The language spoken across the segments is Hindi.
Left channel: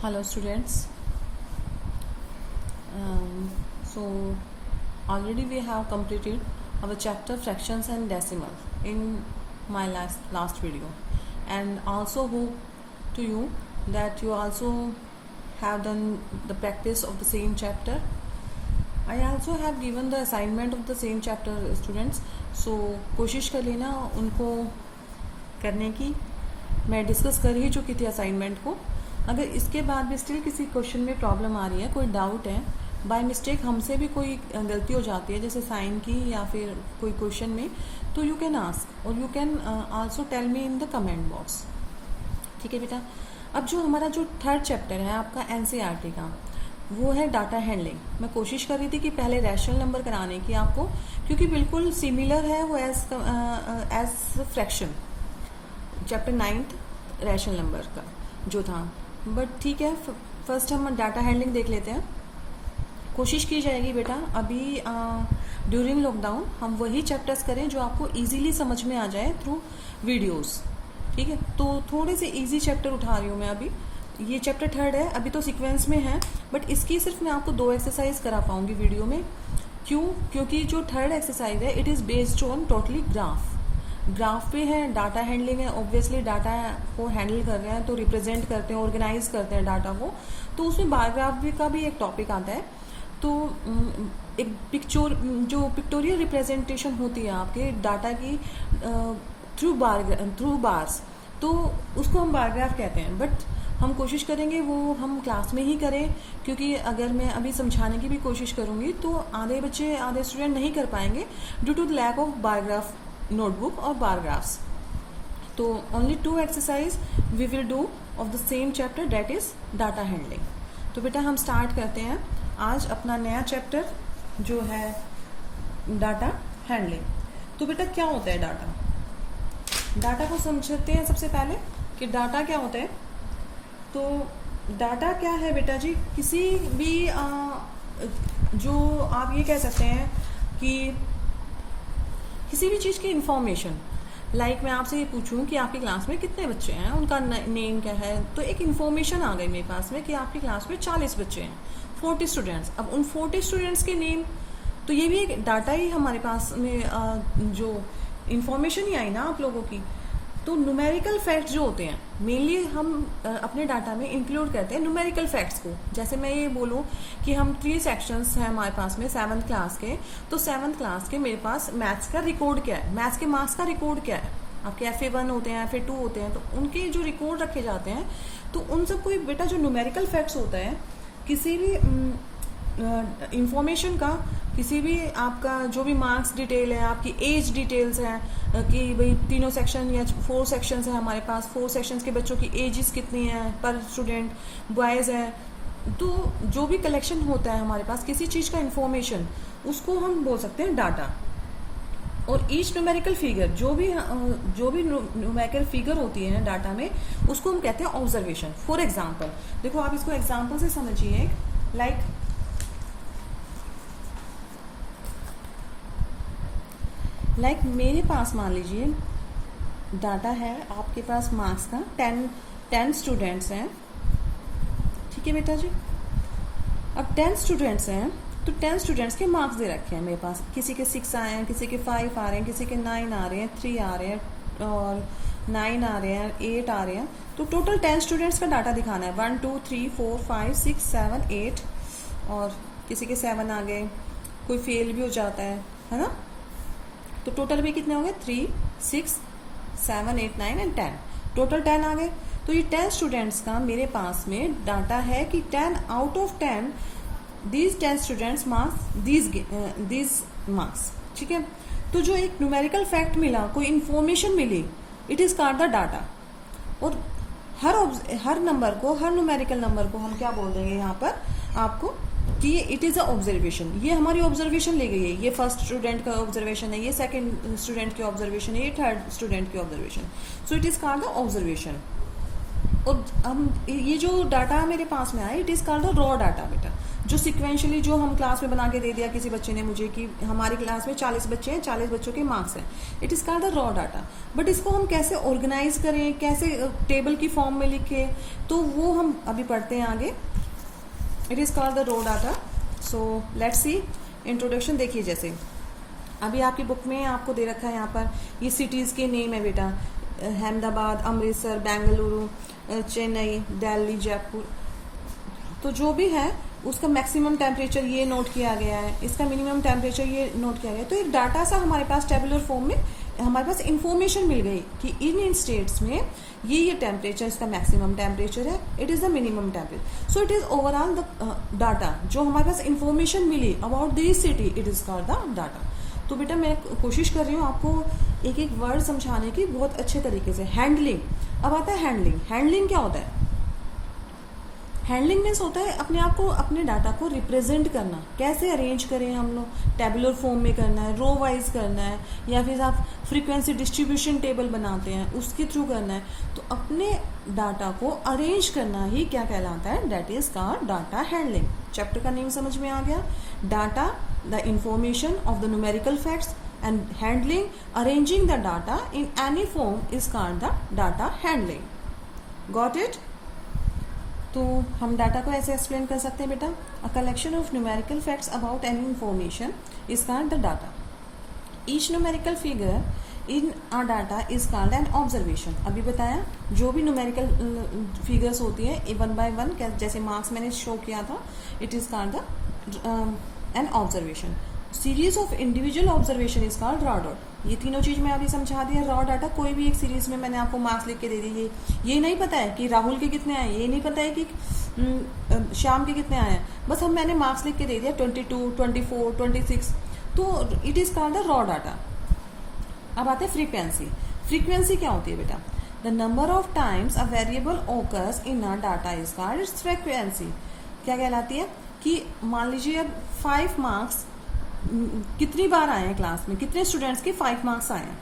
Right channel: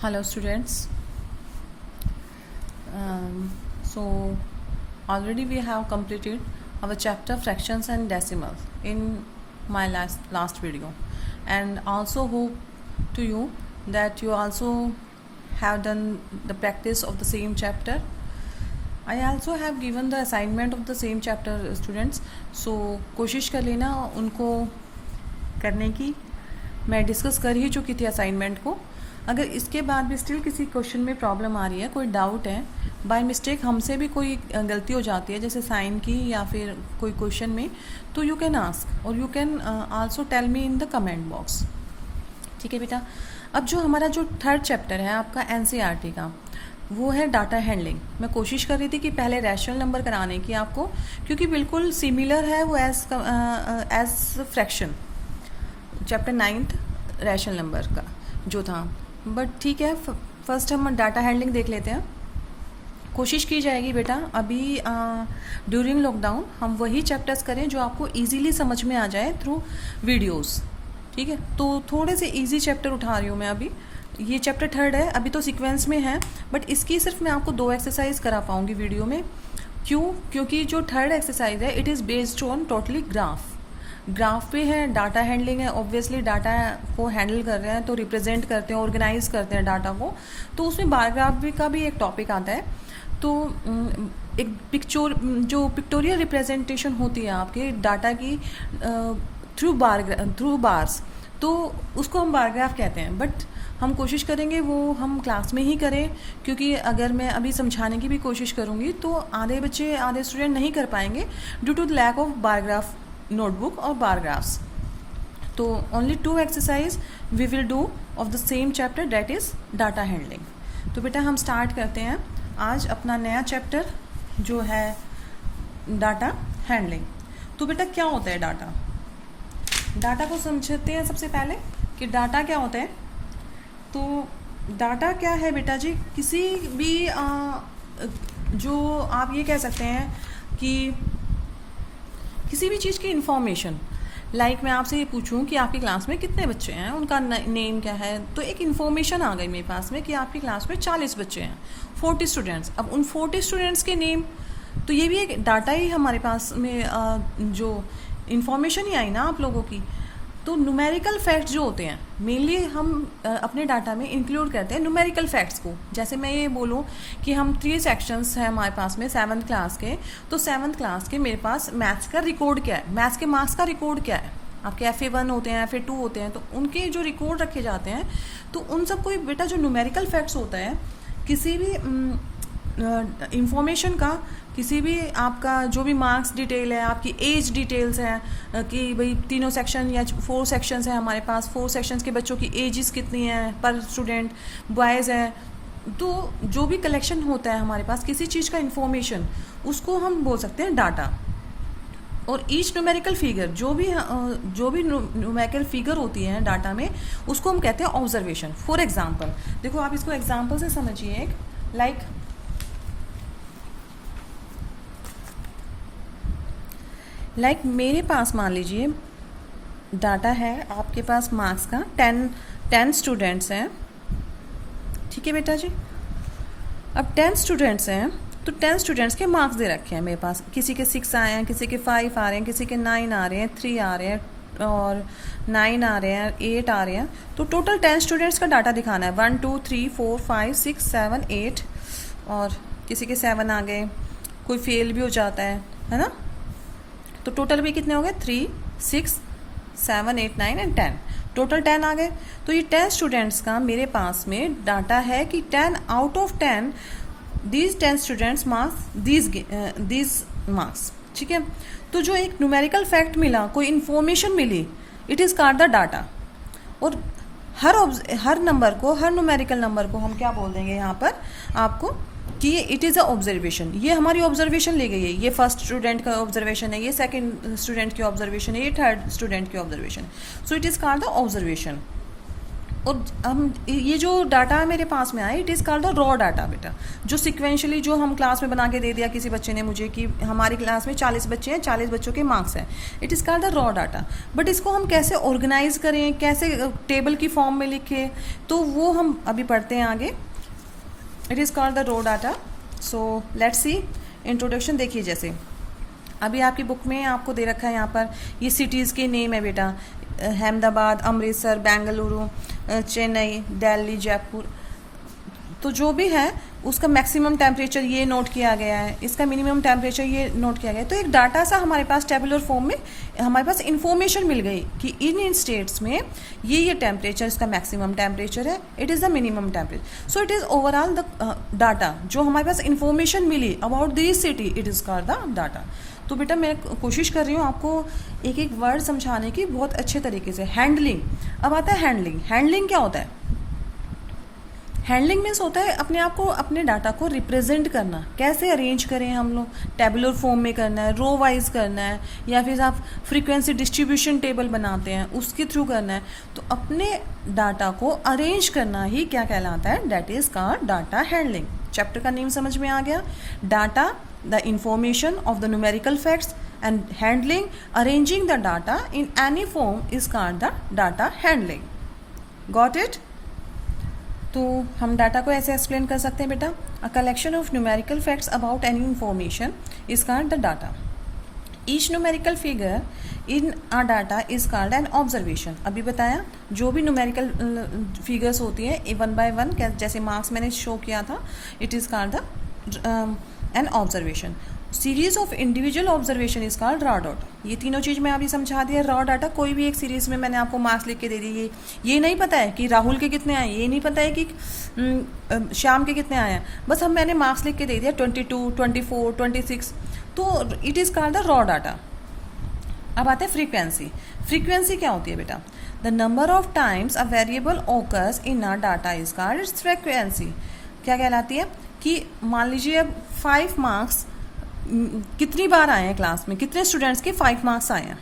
Hello students. So already we have completed our chapter fractions and decimal in my last video, and also hope to you that you also have done the practice of the same chapter. I also have given the assignment of the same chapter students, so कोशिश कर लेना उनको करने की. मैं डिस्कस कर ही चुकी थी असाइनमेंट को. अगर इसके बाद भी स्टिल किसी क्वेश्चन में प्रॉब्लम आ रही है, कोई डाउट है, बाय मिस्टेक हमसे भी कोई गलती हो जाती है जैसे साइन की या फिर कोई क्वेश्चन में, तो यू कैन आस्क और you can also tell me in the comment box. ठीक है बेटा. अब जो हमारा जो थर्ड चैप्टर है आपका एनसीईआरटी का, वो है डाटा हैंडलिंग. मैं कोशिश कर रही थी कि पहले रैशनल नंबर कराने की आपको, क्योंकि बिल्कुल सिमिलर है वो as fraction chapter 9th rational number का जो था. बट ठीक है, फर्स्ट हम डाटा हैंडलिंग देख लेते हैं. कोशिश की जाएगी बेटा अभी ड्यूरिंग लॉकडाउन हम वही चैप्टर्स करें जो आपको इजीली समझ में आ जाए थ्रू वीडियोस. ठीक है, तो थोड़े से इजी चैप्टर उठा रही हूँ मैं अभी. ये चैप्टर थर्ड है, अभी तो सीक्वेंस में है, बट इसकी सिर्फ मैं आपको 2 एक्सरसाइज करा पाऊंगी वीडियो में. क्यों? क्योंकि जो थर्ड एक्सरसाइज है it is based on totally graph पे है. डाटा हैंडलिंग है, ऑब्वियसली डाटा को हैंडल कर रहे हैं तो रिप्रेजेंट करते हैं, ऑर्गेनाइज करते हैं डाटा को, तो उसमें बार ग्राफ का भी एक टॉपिक आता है. तो एक जो पिक्टोरियल रिप्रेजेंटेशन होती है आपके डाटा की थ्रू बार्स, तो उसको हम बार ग्राफ कहते हैं. बट हम कोशिश करेंगे वो हम क्लास में ही करें, क्योंकि अगर मैं अभी समझाने की भी कोशिश करूंगी तो आधे स्टूडेंट नहीं कर पाएंगे due to the lack of bar graph notebook और बार ग्राफ्स. तो only 2 exercise we will do of the same chapter, that is data handling. तो बेटा हम स्टार्ट करते हैं आज अपना नया चैप्टर जो है डाटा हैंडलिंग. तो बेटा क्या होता है डाटा को समझते हैं सबसे पहले कि डाटा क्या होता है. तो डाटा क्या है बेटा जी, किसी भी जो आप ये कह सकते हैं कि किसी भी चीज़ की इंफॉर्मेशन, लाइक मैं आपसे ये पूछूं कि आपकी क्लास में कितने बच्चे हैं, उनका नेम क्या है, तो एक इन्फॉर्मेशन आ गई मेरे पास में कि आपकी क्लास में 40 बच्चे हैं, 40 स्टूडेंट्स. अब उन 40 स्टूडेंट्स के नेम, तो ये भी एक डाटा ही हमारे पास में जो इन्फॉर्मेशन ही आई ना आप लोगों की. तो न्यूमेरिकल फैक्ट्स जो होते हैं मेनली हम अपने डाटा में इंक्लूड करते हैं न्यूमेरिकल फैक्ट्स को. जैसे मैं ये बोलूँ कि हम 3 सेक्शंस हैं हमारे पास में 7th क्लास के, तो 7th क्लास के मेरे पास मैथ्स का रिकॉर्ड क्या है, मैथ्स के मार्क्स का रिकॉर्ड क्या है. आपके FA1 होते हैं, FA2 होते हैं, तो उनके जो रिकॉर्ड रखे जाते हैं, तो उन सबको बेटा जो न्यूमेरिकल फैक्ट्स होता है किसी भी इंफॉर्मेशन का, किसी भी आपका जो भी मार्क्स डिटेल है, आपकी एज डिटेल्स हैं कि भाई 3 सेक्शन या 4 सेक्शंस हैं हमारे पास, 4 सेक्शंस के बच्चों की एजेस कितनी हैं पर स्टूडेंट, बॉयज़ हैं, तो जो भी कलेक्शन होता है हमारे पास किसी चीज़ का इंफॉर्मेशन, उसको हम बोल सकते हैं डाटा. और ईच न्यूमेरिकल फिगर, जो भी न्यूमेरिकल फिगर होती है डाटा में, उसको हम कहते हैं ऑब्जर्वेशन. फॉर एग्जाम्पल देखो, आप इसको एग्जाम्पल से समझिए. लाइक मेरे पास मान लीजिए डाटा है आपके पास मार्क्स का 10 स्टूडेंट्स हैं. ठीक है बेटा जी. अब 10 स्टूडेंट्स हैं तो 10 स्टूडेंट्स के मार्क्स दे रखे हैं मेरे पास. किसी के 6 आए हैं, किसी के 5 आ रहे हैं, किसी के 9 आ रहे हैं, 3 आ रहे हैं और 9 आ रहे हैं, 8 आ रहे हैं. तो टोटल 10 स्टूडेंट्स का डाटा दिखाना है. 1 2 3 4 5 6 7 8, और किसी के 7 आ गए, कोई फेल भी हो जाता है ना. तो टोटल भी कितने हो गए? 3 6 7 8 9 एंड 10. टोटल 10 आ गए. तो ये 10 स्टूडेंट्स का मेरे पास में डाटा है कि 10 out of 10 these 10 students marks these marks. ठीक है. तो जो एक न्यूमेरिकल फैक्ट मिला, कोई इंफॉर्मेशन मिली, it is called the data. और हर नंबर को, हर न्यूमेरिकल नंबर को हम क्या बोल देंगे यहाँ पर आपको कि इट इज़ अ ऑब्जर्वेशन. ये हमारी ऑब्जर्वेशन ले गई है. ये फर्स्ट स्टूडेंट का ऑब्जर्वेशन है, ये सेकंड स्टूडेंट की ऑब्जर्वेशन है, ये थर्ड स्टूडेंट की observation. So it is called the observation. और हम ये जो डाटा मेरे पास में आया, it is called the raw data बेटा, जो सिक्वेंशली जो हम क्लास में बना के दे दिया किसी बच्चे ने मुझे कि हमारी क्लास में 40 बच्चे हैं, 40 बच्चों के मार्क्स हैं, it is called the raw data. But इसको हम कैसे ऑर्गेनाइज करें, कैसे टेबल की फॉर्म में लिखें, तो वो हम अभी पढ़ते हैं आगे। It is called the raw data. So let's see introduction. देखिए जैसे अभी आपकी बुक में आपको दे रखा है यहाँ पर ये सिटीज़ के नेम है बेटा, अहमदाबाद, अमृतसर, बेंगलुरु, चेन्नई, दिल्ली, जयपुर। तो जो भी है उसका मैक्सिमम टेम्परेचर ये नोट किया गया है, इसका मिनिमम टेम्परेचर ये नोट किया गया है। तो एक डाटा सा हमारे पास टेबुलर फॉर्म में हमारे पास इंफॉर्मेशन मिल गई कि इन स्टेट्स में ये टेम्परेचर, इसका मैक्सिमम टेम्परेचर है, it is the minimum temperature. So it is overall the data जो हमारे पास इंफॉर्मेशन मिली about this city, it is called the data. तो बेटा मैं कोशिश कर रही हूँ आपको एक एक वर्ड समझाने की बहुत अच्छे तरीके से। हैंडलिंग, अब आता है हैंडलिंग। हैंडलिंग क्या होता है? हैंडलिंग मीन्स होता है अपने आप को, अपने डाटा को रिप्रेजेंट करना। कैसे अरेंज करें हम लोग, टेबुलर फॉर्म में करना है, रो वाइज करना है, या फिर आप फ्रीक्वेंसी डिस्ट्रीब्यूशन टेबल बनाते हैं उसके थ्रू करना है। तो अपने डाटा को अरेंज करना ही क्या कहलाता है? That is called data handling. Chapter का नेम समझ में आ गया। Data, the information of the numerical facts, and handling, arranging the data in any form is called the data handling. Got it? तो हम डाटा को ऐसे एक्सप्लेन कर सकते हैं बेटा, a collection of numerical facts about any information is called the data. Each numerical figure in a data is called an observation. अभी बताया जो भी न्यूमेरिकल फिगर्स होती है वन बाय वन, जैसे मार्क्स मैंने शो किया था, it is called the an observation. Series of individual observation is called raw data. ये तीनों चीज मैं अभी समझा दिया। रॉ डाटा कोई भी एक सीरीज में मैंने आपको मार्क्स लिख के दे दिए, ये नहीं पता है कि राहुल के कितने आए, ये नहीं पता है कि श्याम के कितने आए हैं, बस मैंने मार्क्स लिख के दे दिया 22, 24, 26। तो it is called the raw data. अब आते हैं फ्रीक्वेंसी। फ्रीक्वेंसी क्या होती है बेटा? The number of times a variable occurs in a data is called its frequency. क्या कहलाती है कि मान लीजिए अब 5 मार्क्स कितनी बार आए हैं क्लास में, कितने स्टूडेंट्स के 5 मार्क्स आए हैं,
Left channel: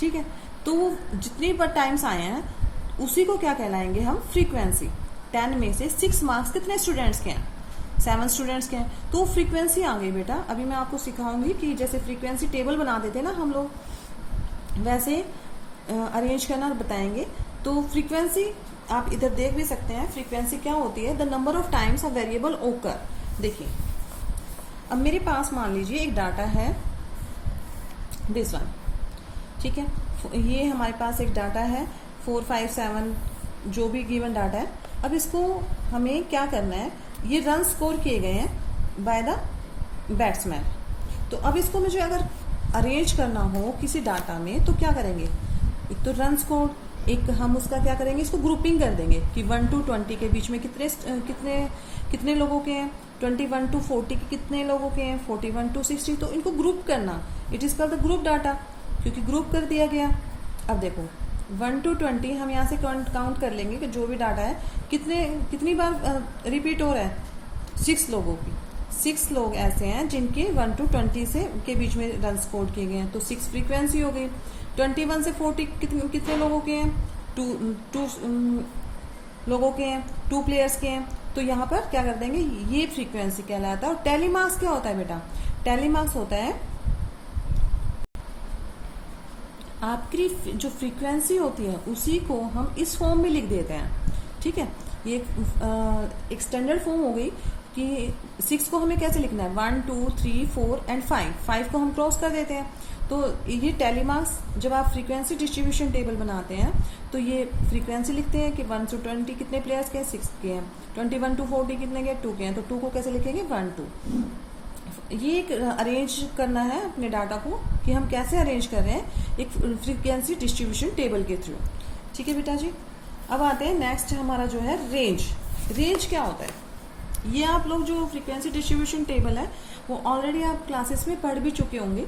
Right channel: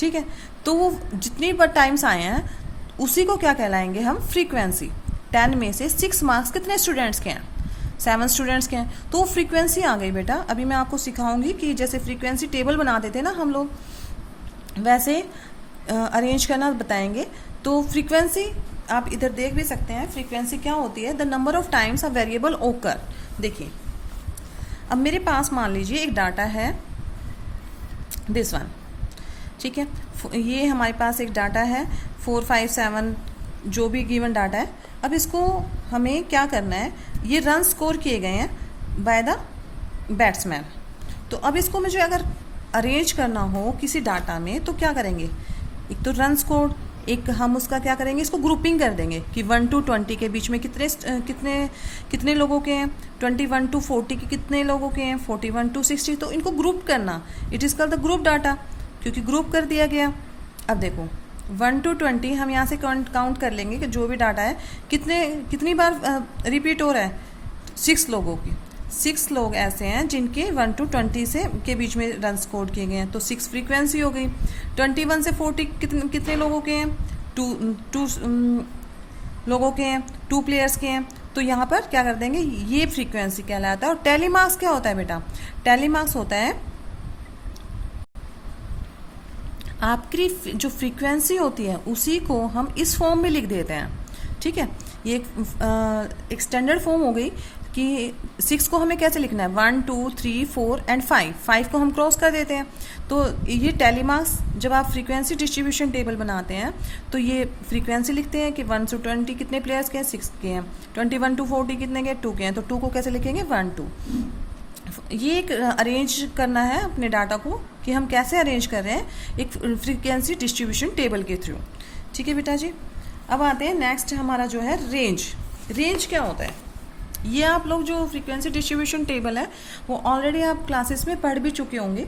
ठीक है, तो वो जितनी बार टाइम्स आए हैं उसी को क्या कहलाएंगे हम? फ्रीक्वेंसी। 10 में से 6 मार्क्स कितने स्टूडेंट्स के हैं? 7 स्टूडेंट्स के हैं, तो फ्रीक्वेंसी आ गई बेटा। अभी मैं आपको सिखाऊंगी कि जैसे फ्रीक्वेंसी टेबल बना देते ना हम लोग, वैसे अरेंज करना बताएंगे। तो फ्रीक्वेंसी आप इधर देख भी सकते हैं। फ्रीक्वेंसी क्या होती है? The number of times a variable ओकर। देखिए अब मेरे पास मान लीजिए एक डाटा है दिस वन, ठीक है, ये हमारे पास एक डाटा है 4, 5, 7 जो भी गिवन डाटा है। अब इसको हमें क्या करना है? ये रन स्कोर किए गए हैं बाय द बैट्समैन। तो अब इसको मुझे अगर अरेंज करना हो किसी डाटा में तो क्या करेंगे? एक तो रन स्कोर, एक हम उसका क्या करेंगे, इसको ग्रुपिंग कर देंगे कि 1 to 20 के बीच में कितने लोगों के हैं, 21 to 40 के कितने लोगों के हैं, 41 to 60। तो इनको ग्रुप करना, it is called the group data, क्योंकि ग्रुप कर दिया गया। अब देखो 1 to 20 हम यहाँ से काउंट कर लेंगे कि जो भी डाटा है कितनी बार रिपीट हो रहा है? 6 लोगों की। 6 लोग ऐसे हैं जिनके 1 to 20 से के बीच में रन स्कोर किए गए हैं, तो 6 फ्रीक्वेंसी हो गई। 21 से 40 कितने लोगों के हैं? 2 लोगों के हैं, 2 प्लेयर्स के हैं। तो यहाँ पर क्या कर देंगे? ये फ्रीक्वेंसी कहलाता है। और टैली मार्क्स क्या होता है बेटा? टैली मार्क्स होता है आपकी जो फ्रीक्वेंसी होती है उसी को हम इस फॉर्म में लिख देते हैं, ठीक है। ये एक स्टैंडर्ड फॉर्म हो गई कि 6 को हमें कैसे लिखना है? 1, 2, 3, 4 एंड 5 को हम क्रॉस कर देते हैं। तो ये टैली मार्क्स, जब आप फ्रीक्वेंसी डिस्ट्रीब्यूशन टेबल बनाते हैं तो ये फ्रीक्वेंसी लिखते हैं कि 1 to 20 कितने प्लेयर्स के हैं? 6 के हैं। 21 to 40 कितने के? 2 के हैं। तो 2 को कैसे लिखेंगे? 1, 2। ये एक अरेंज करना है अपने डाटा को कि हम कैसे अरेंज कर रहे हैं एक फ्रीक्वेंसी डिस्ट्रीब्यूशन टेबल के थ्रू, ठीक है बेटा जी। अब आते हैं नेक्स्ट हमारा जो है रेंज। रेंज क्या होता है? ये आप लोग जो फ्रीक्वेंसी डिस्ट्रीब्यूशन टेबल है वो ऑलरेडी आप क्लासेस में पढ़ भी चुके होंगे,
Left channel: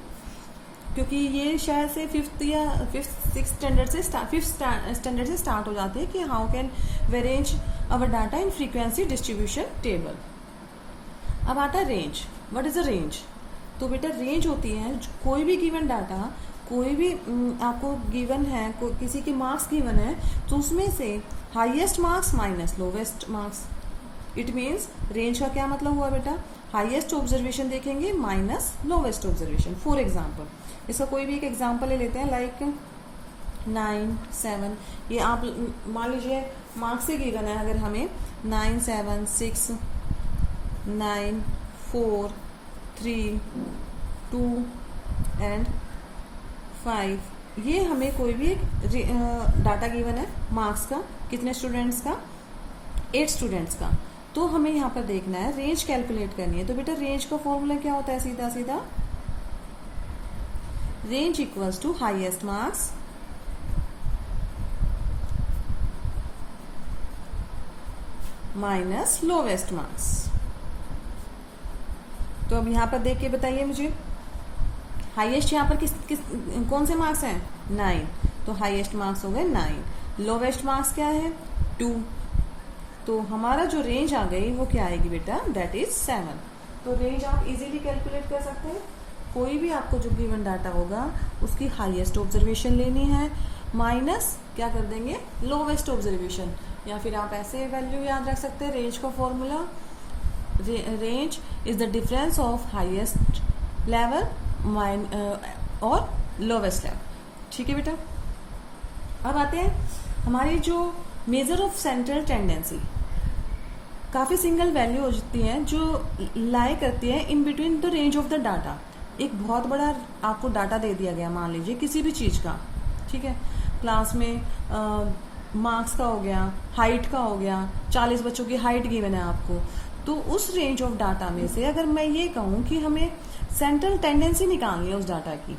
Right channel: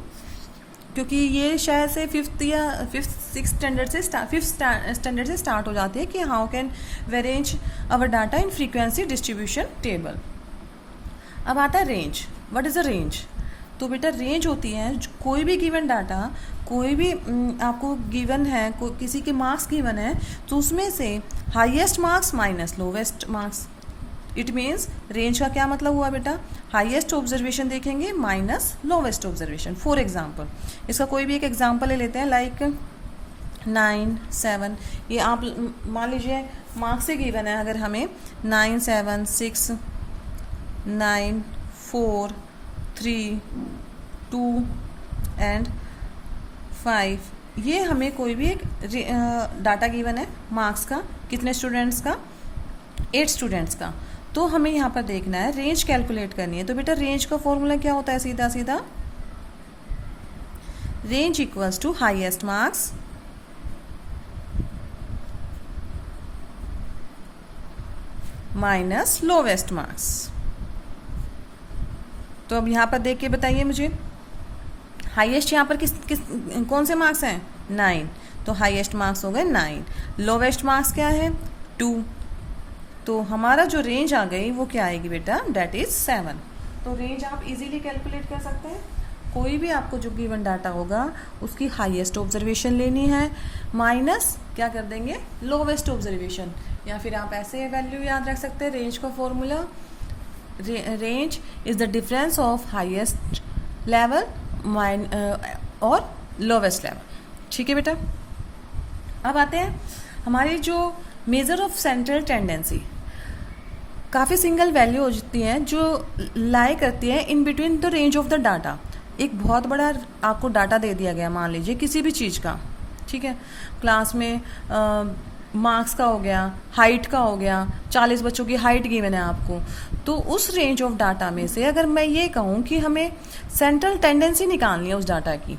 क्योंकि ये शायद से 5th या 5th स्टैंडर्ड से स्टार्ट हो जाते हैं कि how can we arrange our data in frequency distribution table. अब आता है range. What is a range? तो बेटा रेंज होती है कोई भी गिवन डाटा कोई भी आपको गिवन है, किसी के मार्क्स गिवन है, तो उसमें से highest marks minus lowest marks. It means range का क्या मतलब हुआ बेटा, हाईएस्ट ऑब्जर्वेशन देखेंगे minus lowest observation. For example, इसका कोई भी एक एग्जाम्पल ले लेते हैं, लाइक 9, 7, ये आप मान लीजिए मार्क्स से गिवन है, अगर हमें 9, 7, 6, 9, 4, 3, 2 एंड 5, ये हमें कोई भी एक डाटा गिवन है मार्क्स का, कितने स्टूडेंट्स का, 8 स्टूडेंट्स का। तो हमें यहाँ पर देखना है, रेंज कैलकुलेट करनी है। तो बेटा रेंज का फॉर्मूला क्या होता है, सीधा सीधा range equals to highest marks minus lowest marks. तो अब यहाँ पर देख के बताइए मुझे, हाईएस्ट यहाँ पर कौन से मार्क्स हैं, 9, तो हाईएस्ट मार्क्स हो गए 9, लोवेस्ट मार्क्स क्या है, 2, तो हमारा जो रेंज आ गई वो क्या आएगी बेटा, डेट इज 7। तो रेंज आप इजीली कैलकुलेट कर सकते हैं। कोई भी आपको जो गिवन डाटा होगा उसकी हाईएस्ट ऑब्जर्वेशन लेनी है, माइनस क्या कर देंगे, लोवेस्ट ऑब्जर्वेशन, या फिर आप ऐसे वैल्यू याद रख सकते हैं, रेंज का formula, range is the difference of highest level और लोवेस्ट लेवल। ठीक है बेटा, अब आते हैं हमारी जो मेजर ऑफ सेंट्रल टेंडेंसी। काफ़ी सिंगल वैल्यू हो जाती हैं जो लाई करती है in between the range of the data. एक बहुत बड़ा आपको डाटा दे दिया गया, मान लीजिए किसी भी चीज़ का, ठीक है, क्लास में मार्क्स का हो गया, हाइट का हो गया, 40 बच्चों की हाइट गिवन है आपको। तो उस रेंज ऑफ डाटा में से अगर मैं ये कहूँ कि हमें सेंट्रल टेंडेंसी निकालनी है उस डाटा की,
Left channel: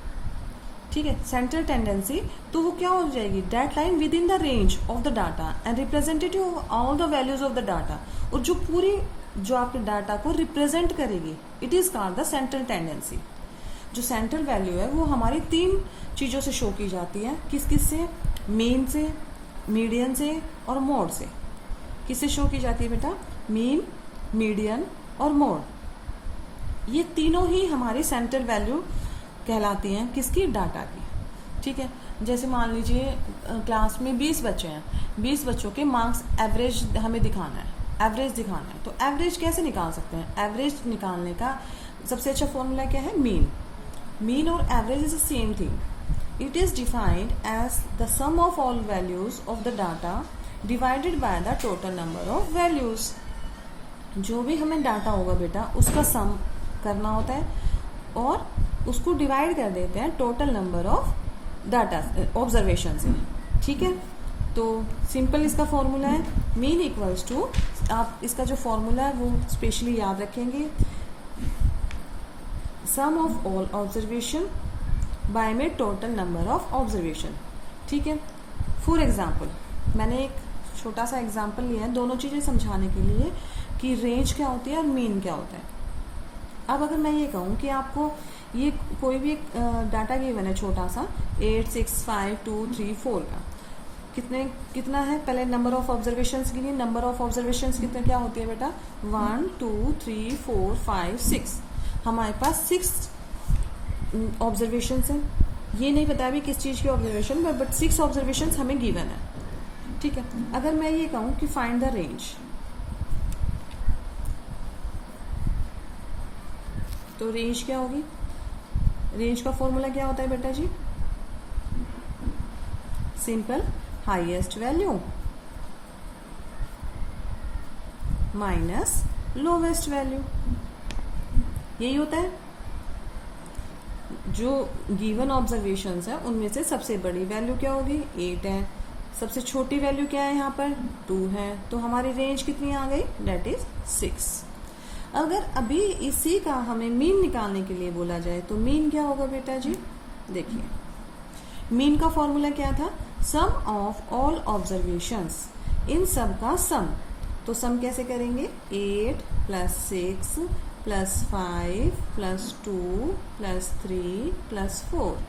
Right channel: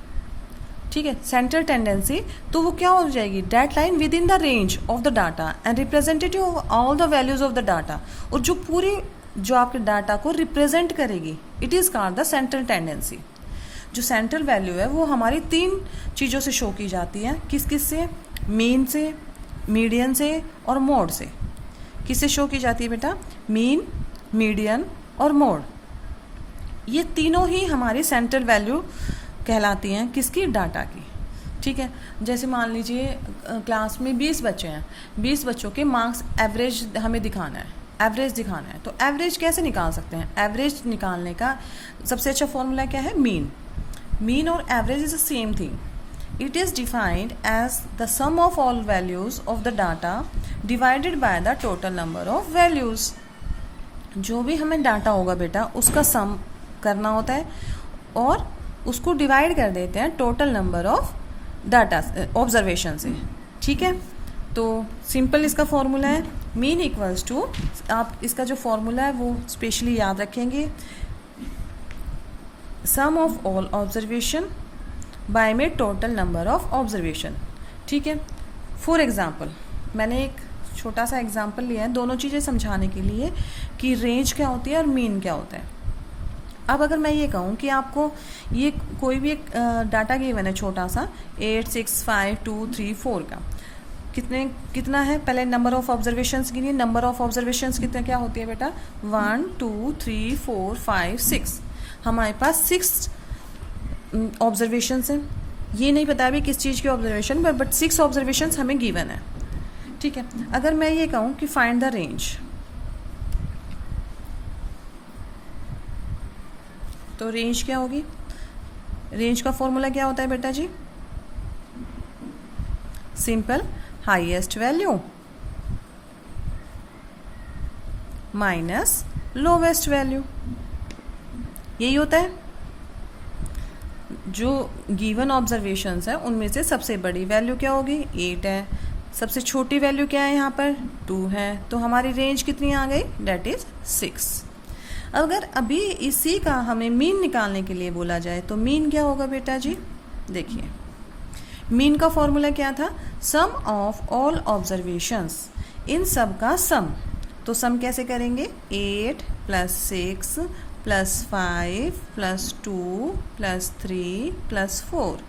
ठीक है, सेंट्रल टेंडेंसी, तो वो क्या हो जाएगी, that lie within the range of the data and representative of all the values of the data, और जो पूरी जो आपके डाटा को रिप्रेजेंट करेगी, it is called the central tendency. जो सेंट्रल वैल्यू है वो हमारी 3 चीज़ों से शो की जाती है, किस किस से, मीन से, मीडियन से और मोड से। किससे शो की जाती है बेटा, मीन, मीडियन और मोड, ये तीनों ही हमारी सेंट्रल वैल्यू कहलाती हैं, किसकी, डाटा की। ठीक है, जैसे मान लीजिए क्लास में 20 बच्चे हैं, 20 बच्चों के मार्क्स एवरेज हमें दिखाना है, एवरेज दिखाना है। तो एवरेज कैसे निकाल सकते हैं, एवरेज निकालने का सबसे अच्छा फॉर्मूला क्या है, मीन। मीन और average is the same thing. It is defined as the sum of all values of the data divided by the total number of values. जो भी हमें डाटा होगा बेटा उसका सम करना होता है और उसको डिवाइड कर देते हैं total number of data observation से। ठीक है, तो सिंपल इसका फॉर्मूला है मीन इक्वल्स टू, आप इसका जो फॉर्मूला है वो स्पेशली याद रखेंगे, सम ऑफ ऑल ऑब्जर्वेशन बाय में टोटल नंबर ऑफ ऑब्जर्वेशन। ठीक है, फॉर एग्जांपल मैंने एक छोटा सा एग्जांपल लिया है दोनों चीज़ें समझाने के लिए कि रेंज क्या होती है और मीन क्या होता है। अब अगर मैं ये कहूँ कि आपको ये कोई भी एक डाटा गिवन है छोटा सा 8, 6, 5, 2, 3, 4 का, कितना है, पहले नंबर ऑफ ऑब्जर्वेशंस गिनिए। नंबर ऑफ ऑब्जर्वेशंस कितने क्या होती है बेटा, 1, 2, 3, 4, 5, 6। हमारे पास 6 ऑब्जर्वेशंस हैं। ये नहीं पता अभी किस चीज़ की ऑब्जर्वेशन, बट 6 ऑब्जर्वेशंस हमें गिवन है। ठीक है, अगर मैं ये कहूँ कि फाइंड द रेंज, तो रेंज क्या होगी, रेंज का फॉर्मूला क्या होता है बेटा जी, simple, highest value minus lowest value, यही होता है। जो गिवन ऑब्जर्वेशंस है उनमें से सबसे बड़ी वैल्यू क्या होगी, 8 है, सबसे छोटी वैल्यू क्या है यहाँ पर, 2 है, तो हमारी रेंज कितनी आ गई, डेट इज 6। अगर अभी इसी का हमें मीन निकालने के लिए बोला जाए तो मीन क्या होगा बेटा जी, देखिए मीन का फॉर्मूला क्या था, सम ऑफ ऑल ऑब्जर्वेशंस, इन सब का सम। तो सम कैसे करेंगे, 8 + 6 + 5 + 2 + 3 + 4,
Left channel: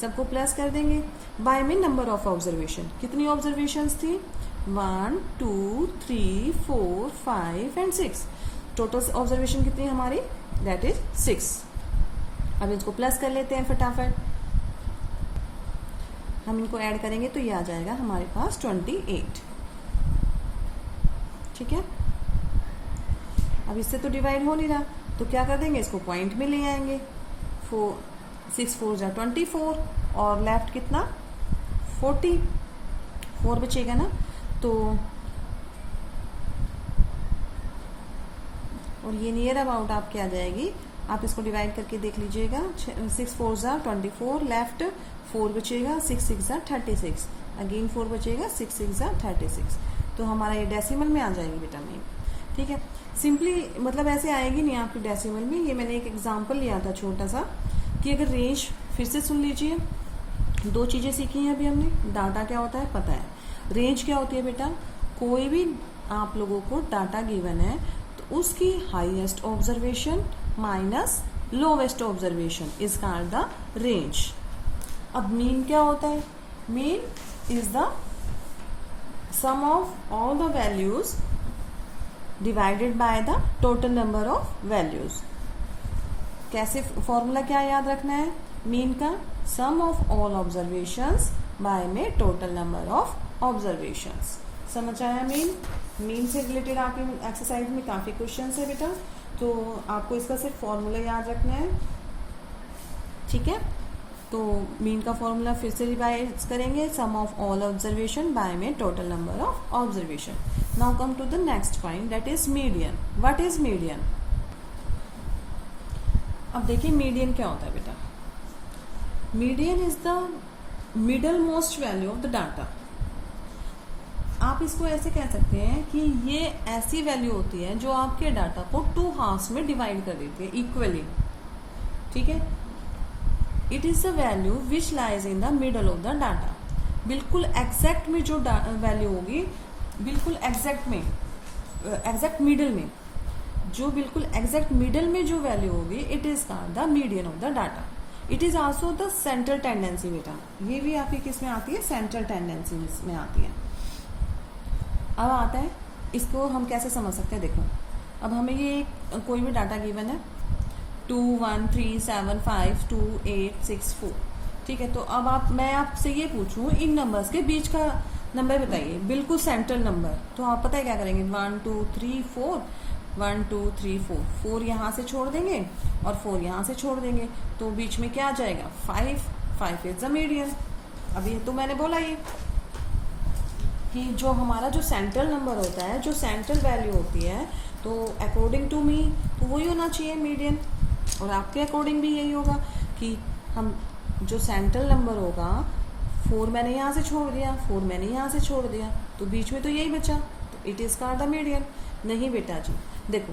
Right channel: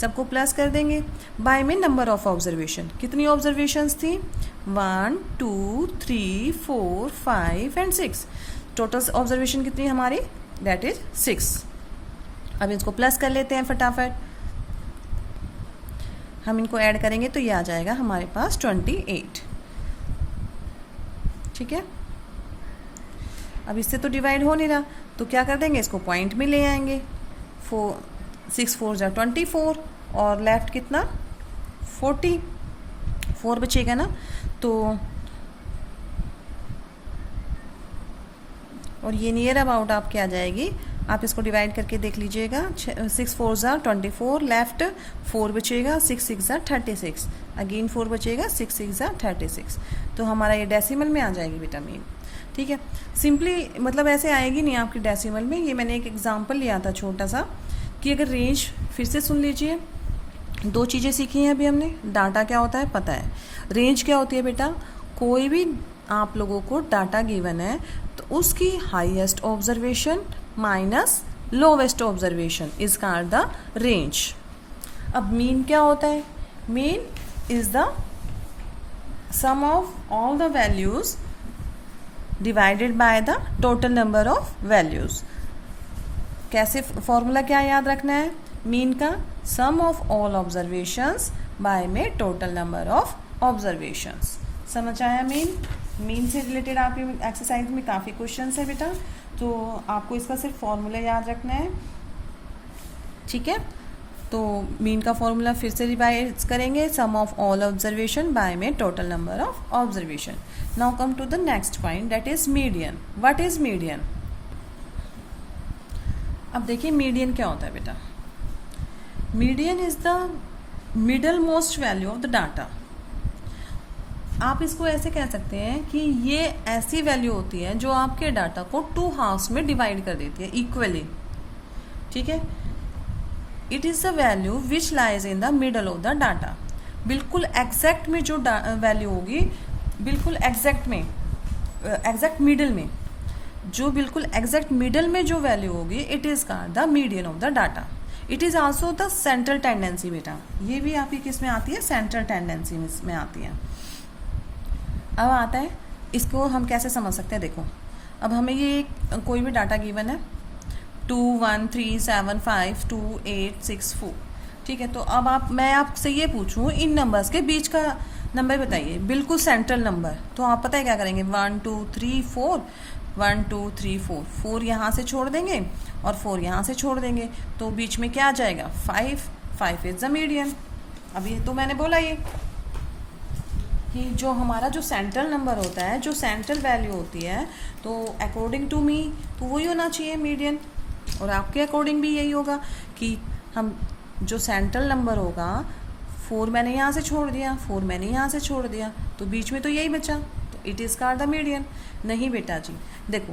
सबको प्लस कर देंगे बाय में नंबर ऑफ ऑब्जर्वेशन। कितनी ऑब्जर्वेशंस थी, 1, 2, 3, 4, 5 एंड 6। टोटल ऑब्जर्वेशन कितनी हमारी, दैट इज 6। अब इसको प्लस कर लेते हैं फटाफट, हम इनको ऐड करेंगे तो ये आ जाएगा हमारे पास 28। ठीक है, अब इससे तो डिवाइड हो नहीं रहा, तो क्या कर देंगे, इसको पॉइंट में ले आएंगे। 6 4 जा 24 और लेफ्ट कितना 44 बचेगा ना। तो और ये नियर अबाउट आपके आ जाएगी, आप इसको डिवाइड करके देख लीजिएगा। 6 4 जा 24, लेफ्ट 4 बचेगा, 6 6 जा 36, अगेन 4 बचेगा, 6 6 जा 36। तो हमारा ये डेसिमल में आ जाएगी बेटा मीन। ठीक है, सिंपली मतलब ऐसे आएगी नहीं आपकी डेसिमल में। ये मैंने एक एग्जांपल लिया था छोटा सा कि अगर रेंज, फिर से सुन लीजिए, 2 चीज़ें सीखी हैं अभी हमने। डाटा क्या होता है पता है, रेंज क्या होती है बेटा, कोई भी आप लोगों को डाटा गिवन है तो उसकी highest observation minus lowest observation is called the range. अब मीन क्या होता है, mean is the sum of all the values divided by the total number of values. कैसे, फॉर्मूला क्या याद रखना है, मीन का sum of all observations by में टोटल नंबर ऑफ ऑब्जर्वेशंस। समझ आया मीन। मीन से रिलेटेड आपकी एक्सरसाइज में काफ़ी क्वेश्चंस है बेटा, तो आपको इसका सिर्फ फॉर्मूला याद रखना है। ठीक है, तो मीन का फॉर्मूला फिर से रिवाइज करेंगे, sum of all observation by में total number of observation. Now come to the next point, that is median. What is median? अब देखिए मीडियन क्या होता है बेटा, median is the middle most value of the data. आप इसको ऐसे कह सकते हैं कि ये ऐसी वैल्यू होती है जो आपके डाटा को 2 हाफ्स में डिवाइड कर देती है इक्वली। ठीक है, it is the value which lies in the middle of the data. बिल्कुल एग्जैक्ट में जो वैल्यू होगी, बिल्कुल एग्जैक्ट में, एग्जैक्ट मिडल में, जो बिल्कुल एग्जैक्ट मिडल में जो वैल्यू होगी, it is called the median of the data. It is also the central tendency बेटा, ये भी आपकी किस में आती है, सेंट्रल टेंडेंसी में आती है। अब आता है, इसको हम कैसे समझ सकते हैं, देखो अब हमें ये कोई भी डाटा गिवन है 2 1 3 7 5 2 8 6 4। ठीक है, तो अब मैं आपसे ये पूछूं इन नंबर्स के बीच का नंबर बताइए, बिल्कुल सेंट्रल नंबर, तो आप पता है क्या करेंगे, 1 2 3 4 1 2 3 4 4 यहाँ से छोड़ देंगे और 4 यहाँ से छोड़ देंगे, तो बीच में क्या आ जाएगा 5 इज द मीडियन। अभी तो मैंने बोला ये कि जो हमारा जो सेंट्रल नंबर होता है, जो सेंट्रल वैल्यू होती है, तो अकॉर्डिंग टू मी तो वही होना चाहिए मीडियन, और आपके अकॉर्डिंग भी यही होगा कि हम जो सेंट्रल नंबर होगा, 4 मैंने यहाँ से छोड़ दिया, 4 मैंने यहाँ से छोड़ दिया, तो बीच में तो यही बचा, तो it is called the median. नहीं बेटा जी, देखो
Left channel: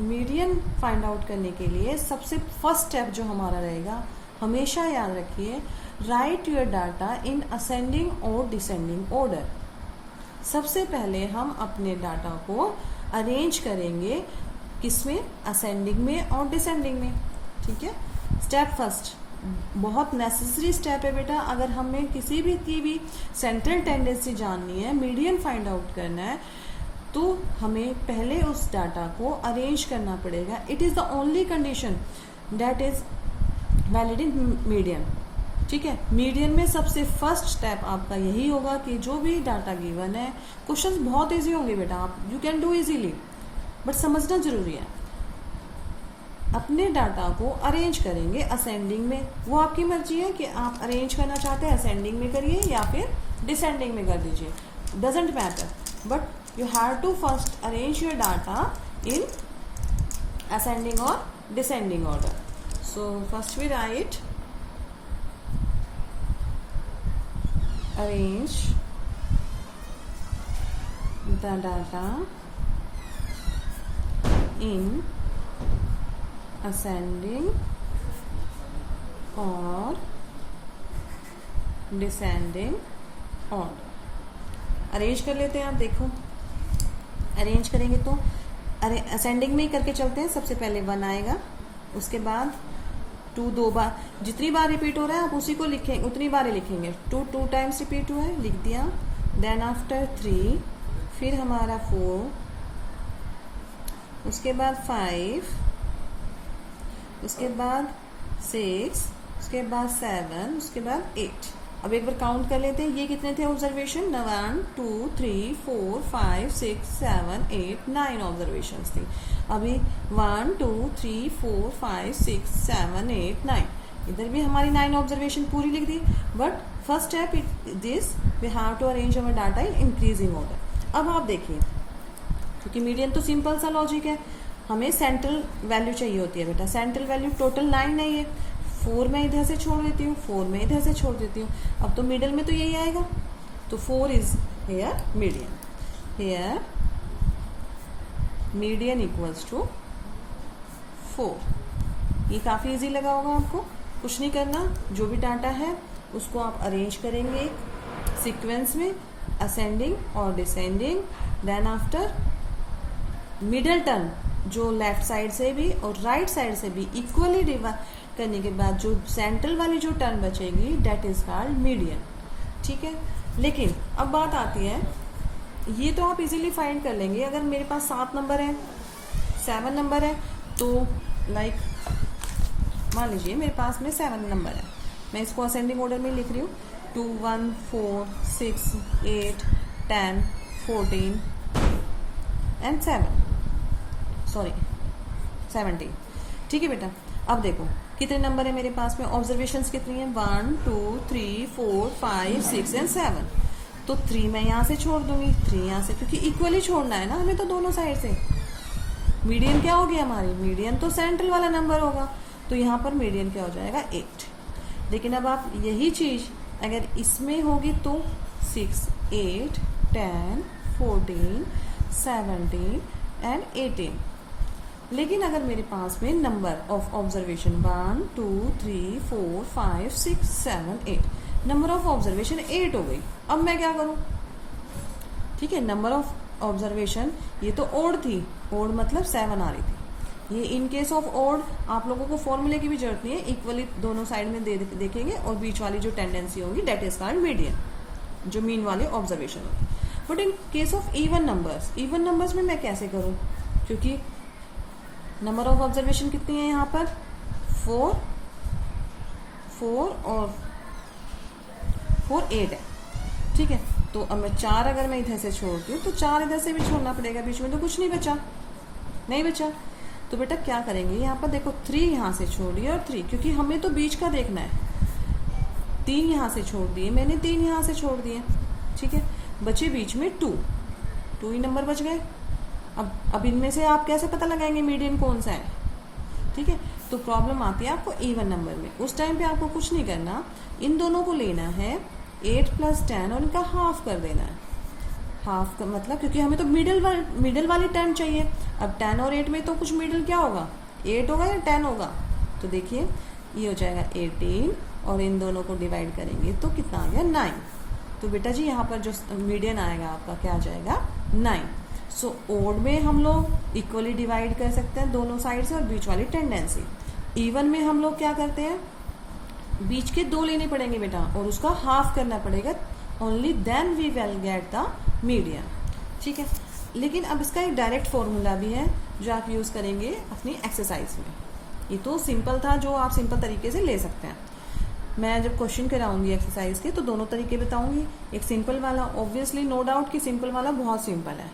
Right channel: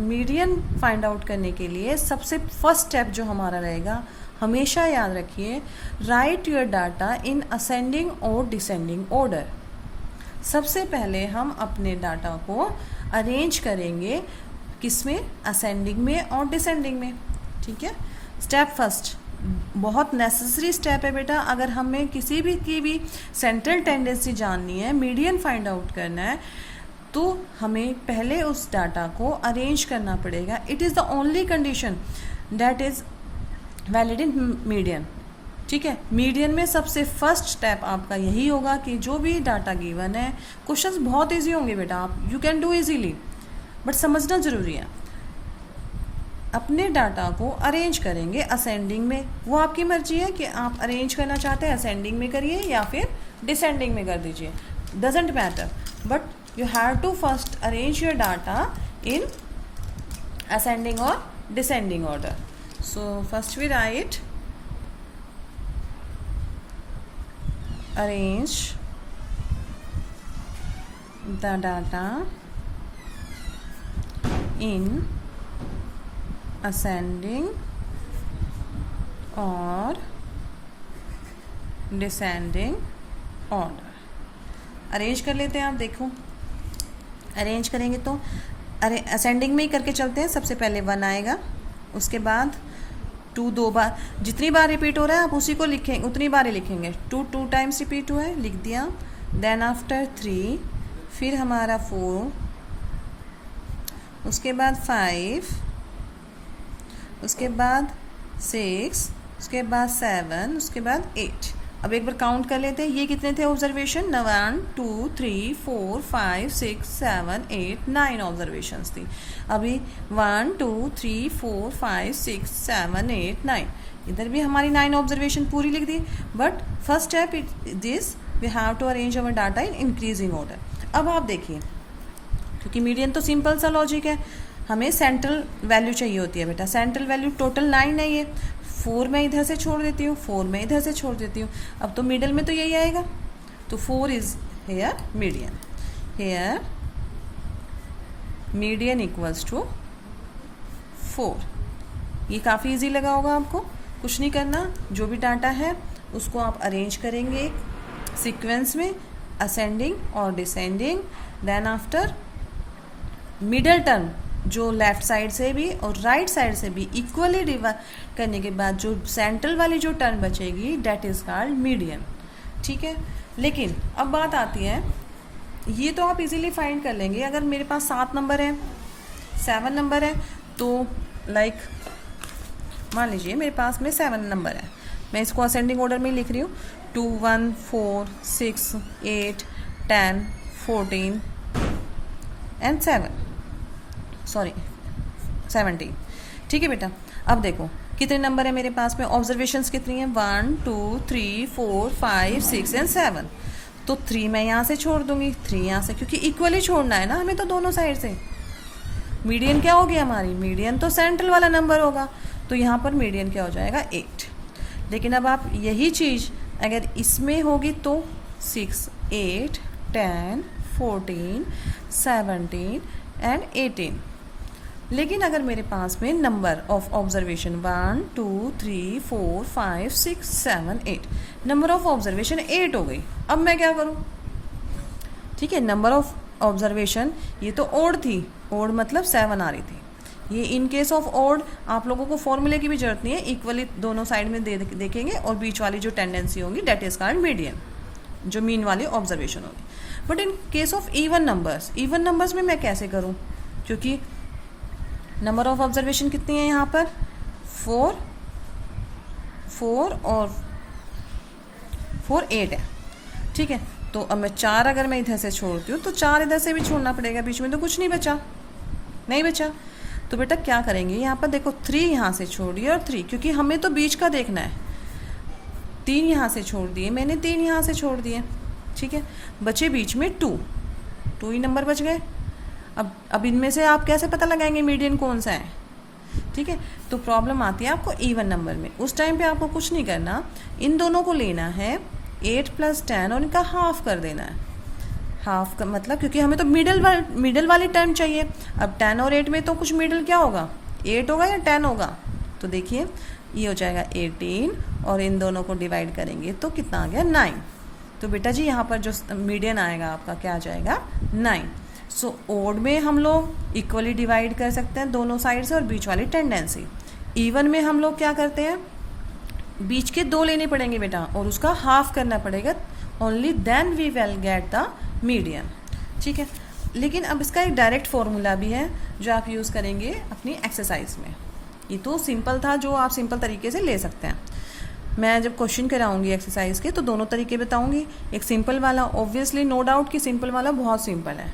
मीडियन फाइंड आउट करने के लिए सबसे फर्स्ट स्टेप जो हमारा रहेगा, हमेशा याद रखिए, right your data in ascending और डिसेंडिंग ऑर्डर। सबसे पहले हम अपने डाटा को अरेंज करेंगे किसमें, असेंडिंग में और डिसेंडिंग में। ठीक है, स्टेप फर्स्ट बहुत नेसेसरी स्टेप है बेटा। अगर हमें किसी भी की भी सेंट्रल टेंडेंसी जाननी है, मीडियन फाइंड आउट करना है, तो हमें पहले उस डाटा को अरेंज करना पड़ेगा। It is the only condition that is valid in median. ठीक है, मीडियन में सबसे फर्स्ट स्टेप आपका यही होगा कि जो भी डाटा गिवन है, क्वेश्चंस बहुत इजी होंगे बेटा, आप you can do easily, but समझना जरूरी है। अपने डाटा को अरेंज करेंगे असेंडिंग में, वो आपकी मर्जी है कि आप अरेंज करना चाहते हैं असेंडिंग में करिए या फिर डिसेंडिंग में कर दीजिए, doesn't matter, but you have to first arrange your data in ascending और descending order. So first we write arrange the data in ascending or descending order। Arrange कर लेते हैं, आप देखो अरेंज करेंगे तो असेंडिंग में ही करके चलते हैं। सबसे पहले 1 आएगा, उसके बाद 2 2 बार, जितनी बार रिपीट हो रहा है आप उसी को लिखेंगे, उतनी बार ही लिखेंगे। 2 टाइम्स रिपीट हुआ है, लिख दिया। देन आफ्टर 3, फिर हमारा 4, उसके बाद 5, उसके बाद 6, उसके बाद 7, उसके बाद 8। अब एक बार काउंट कर लेते हैं, ये कितने थे ऑब्जर्वेशन? 1 2 3 4 5 6 7 8 9 ऑब्जर्वेशन थी। अभी 1 2 3 4 5 6 7 8 9, इधर भी हमारी 9 ऑब्जर्वेशन पूरी लिख दी। But first step this we have to arrange our data in increasing order. अब आप देखिए, क्योंकि मीडियन तो सिंपल सा लॉजिक है, हमें सेंट्रल वैल्यू चाहिए होती है बेटा। सेंट्रल वैल्यू टोटल 9 है, ये 4 मैं इधर से छोड़ देती हूँ, 4 मैं इधर से छोड़ देती हूँ। अब तो मिडल में तो यही आएगा, तो 4 is here median. Here median equals to 4। ये काफ़ी इजी लगा होगा आपको, कुछ नहीं करना। जो भी डाटा है उसको आप अरेंज करेंगे सीक्वेंस में, असेंडिंग और descending. Then after middle term जो लेफ्ट साइड से भी और राइट साइड से भी इक्वली डिवाइड करने के बाद जो सेंट्रल वाली जो टर्म बचेगी डेट इज कॉल्ड मीडियन। ठीक है, लेकिन अब बात आती है, ये तो आप इजीली फाइंड कर लेंगे। अगर मेरे पास 7 नंबर है, 7 नंबर है, तो लाइक मान लीजिए मेरे पास में 7 नंबर है, मैं इसको असेंडिंग ऑर्डर में लिख रही हूँ। 2 1 4 6 8 10 14 एंड 17। ठीक है बेटा, अब देखो कितने नंबर है मेरे पास में, ऑब्जर्वेशंस कितनी है? 1 2 3 4 5 6 एंड 7। तो 3 मैं यहाँ से छोड़ दूंगी, 3 यहाँ से, क्योंकि इक्वली छोड़ना है ना हमें तो दोनों साइड से। मीडियन क्या हो गया हमारी? मीडियन तो सेंट्रल वाला नंबर होगा, तो यहाँ पर मीडियन क्या हो जाएगा? 8। लेकिन अब आप यही चीज़ अगर इसमें होगी तो 6 8 10 14 17 एंड 18। लेकिन अगर मेरे पास में number of observation 1 2 3 4 5 6 7 8, number of observation 8 हो गई। अब मैं क्या करूं? ठीक है, नंबर ऑफ ऑब्जर्वेशन ये तो ओड थी, ओड मतलब 7 आ रही थी। ये इन केस ऑफ ओड आप लोगों को फॉर्मूले की भी जरूरत नहीं है, इक्वली दोनों साइड में देखेंगे और बीच वाली जो टेंडेंसी होगी डेट इज कॉल्ड मीडियन, जो मीन वाली ऑब्जर्वेशन होगी। But in case of even numbers में मैं कैसे करूं? क्योंकि नंबर ऑफ ऑब्जर्वेशन कितनी है यहाँ पर? 4 और 4 8 है। ठीक है, तो अब मैं 4 अगर मैं इधर से छोड़ती हूँ तो 4 इधर से भी छोड़ना पड़ेगा, बीच में तो कुछ नहीं बचा। तो बेटा क्या करेंगे, यहाँ पर देखो 3 यहाँ से छोड़िए और 3, क्योंकि हमें तो बीच का देखना है। 3 यहाँ से छोड़ दिए मैंने, 3 यहाँ से छोड़ दिए। ठीक है, बचे बीच में 2 ही नंबर बच गए। अब इनमें से आप कैसे पता लगाएंगे मीडियन कौन सा है? ठीक है, तो प्रॉब्लम आती है आपको इवन नंबर में। उस टाइम पे आपको कुछ नहीं करना, इन दोनों को लेना है 8 + 10 और इनका हाफ कर देना है। हाफ का मतलब, क्योंकि हमें तो मिडल वाली टर्म चाहिए। अब 10 और 8 में तो कुछ मिडल क्या होगा? 8 होगा या 10 होगा? तो देखिए ये हो जाएगा 18 और इन दोनों को डिवाइड करेंगे तो कितना आ गया? 9। तो बेटा जी यहाँ पर जो मीडियन आएगा आपका क्या आ जाएगा? 9। सो ओड में हम लोग इक्वली डिवाइड कर सकते हैं दोनों साइड से और बीच वाली टेंडेंसी। इवन में हम लोग क्या करते हैं? बीच के 2 लेने पड़ेंगे बेटा और उसका हाफ करना पड़ेगा। Only then we will get the median. ठीक है, लेकिन अब इसका एक डायरेक्ट फॉर्मूला भी है जो आप यूज़ करेंगे अपनी एक्सरसाइज में। ये तो सिंपल था, जो आप सिंपल तरीके से ले सकते हैं। मैं जब क्वेश्चन कराऊंगी एक्सरसाइज के तो दोनों तरीके बताऊंगी। एक सिंपल वाला, ऑब्वियसली नो डाउट कि सिंपल वाला बहुत सिंपल है,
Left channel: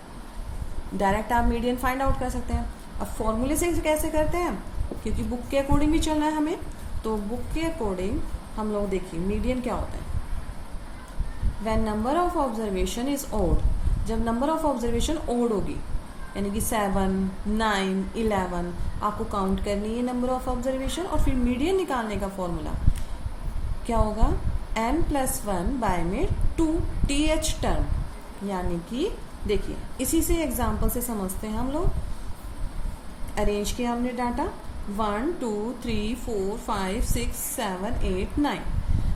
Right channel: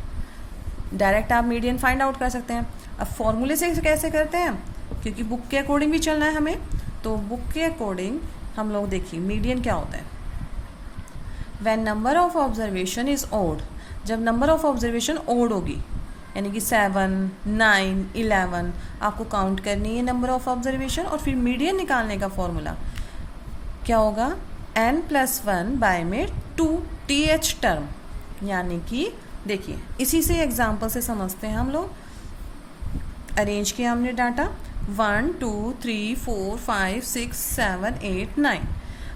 डायरेक्ट आप मीडियन फाइंड आउट कर सकते हैं। अब फॉर्मूले से कैसे करते हैं? क्योंकि बुक के अकॉर्डिंग भी चलना है हमें, तो बुक के अकॉर्डिंग हम लोग देखिए मीडियन क्या होता है। When number of observation is odd, जब नंबर ऑफ ऑब्जर्वेशन ओड होगी, यानी कि 7 9 11 आपको काउंट करनी है नंबर ऑफ ऑब्जर्वेशन, और फिर मीडियन निकालने का फॉर्मूला क्या होगा? n+1 बाय में 2 th टर्म, यानी कि देखिए इसी से एग्जाम्पल से समझते हैं हम लोग। अरेंज किया हमने डाटा 1 2 3 4 5 6 7 8 9।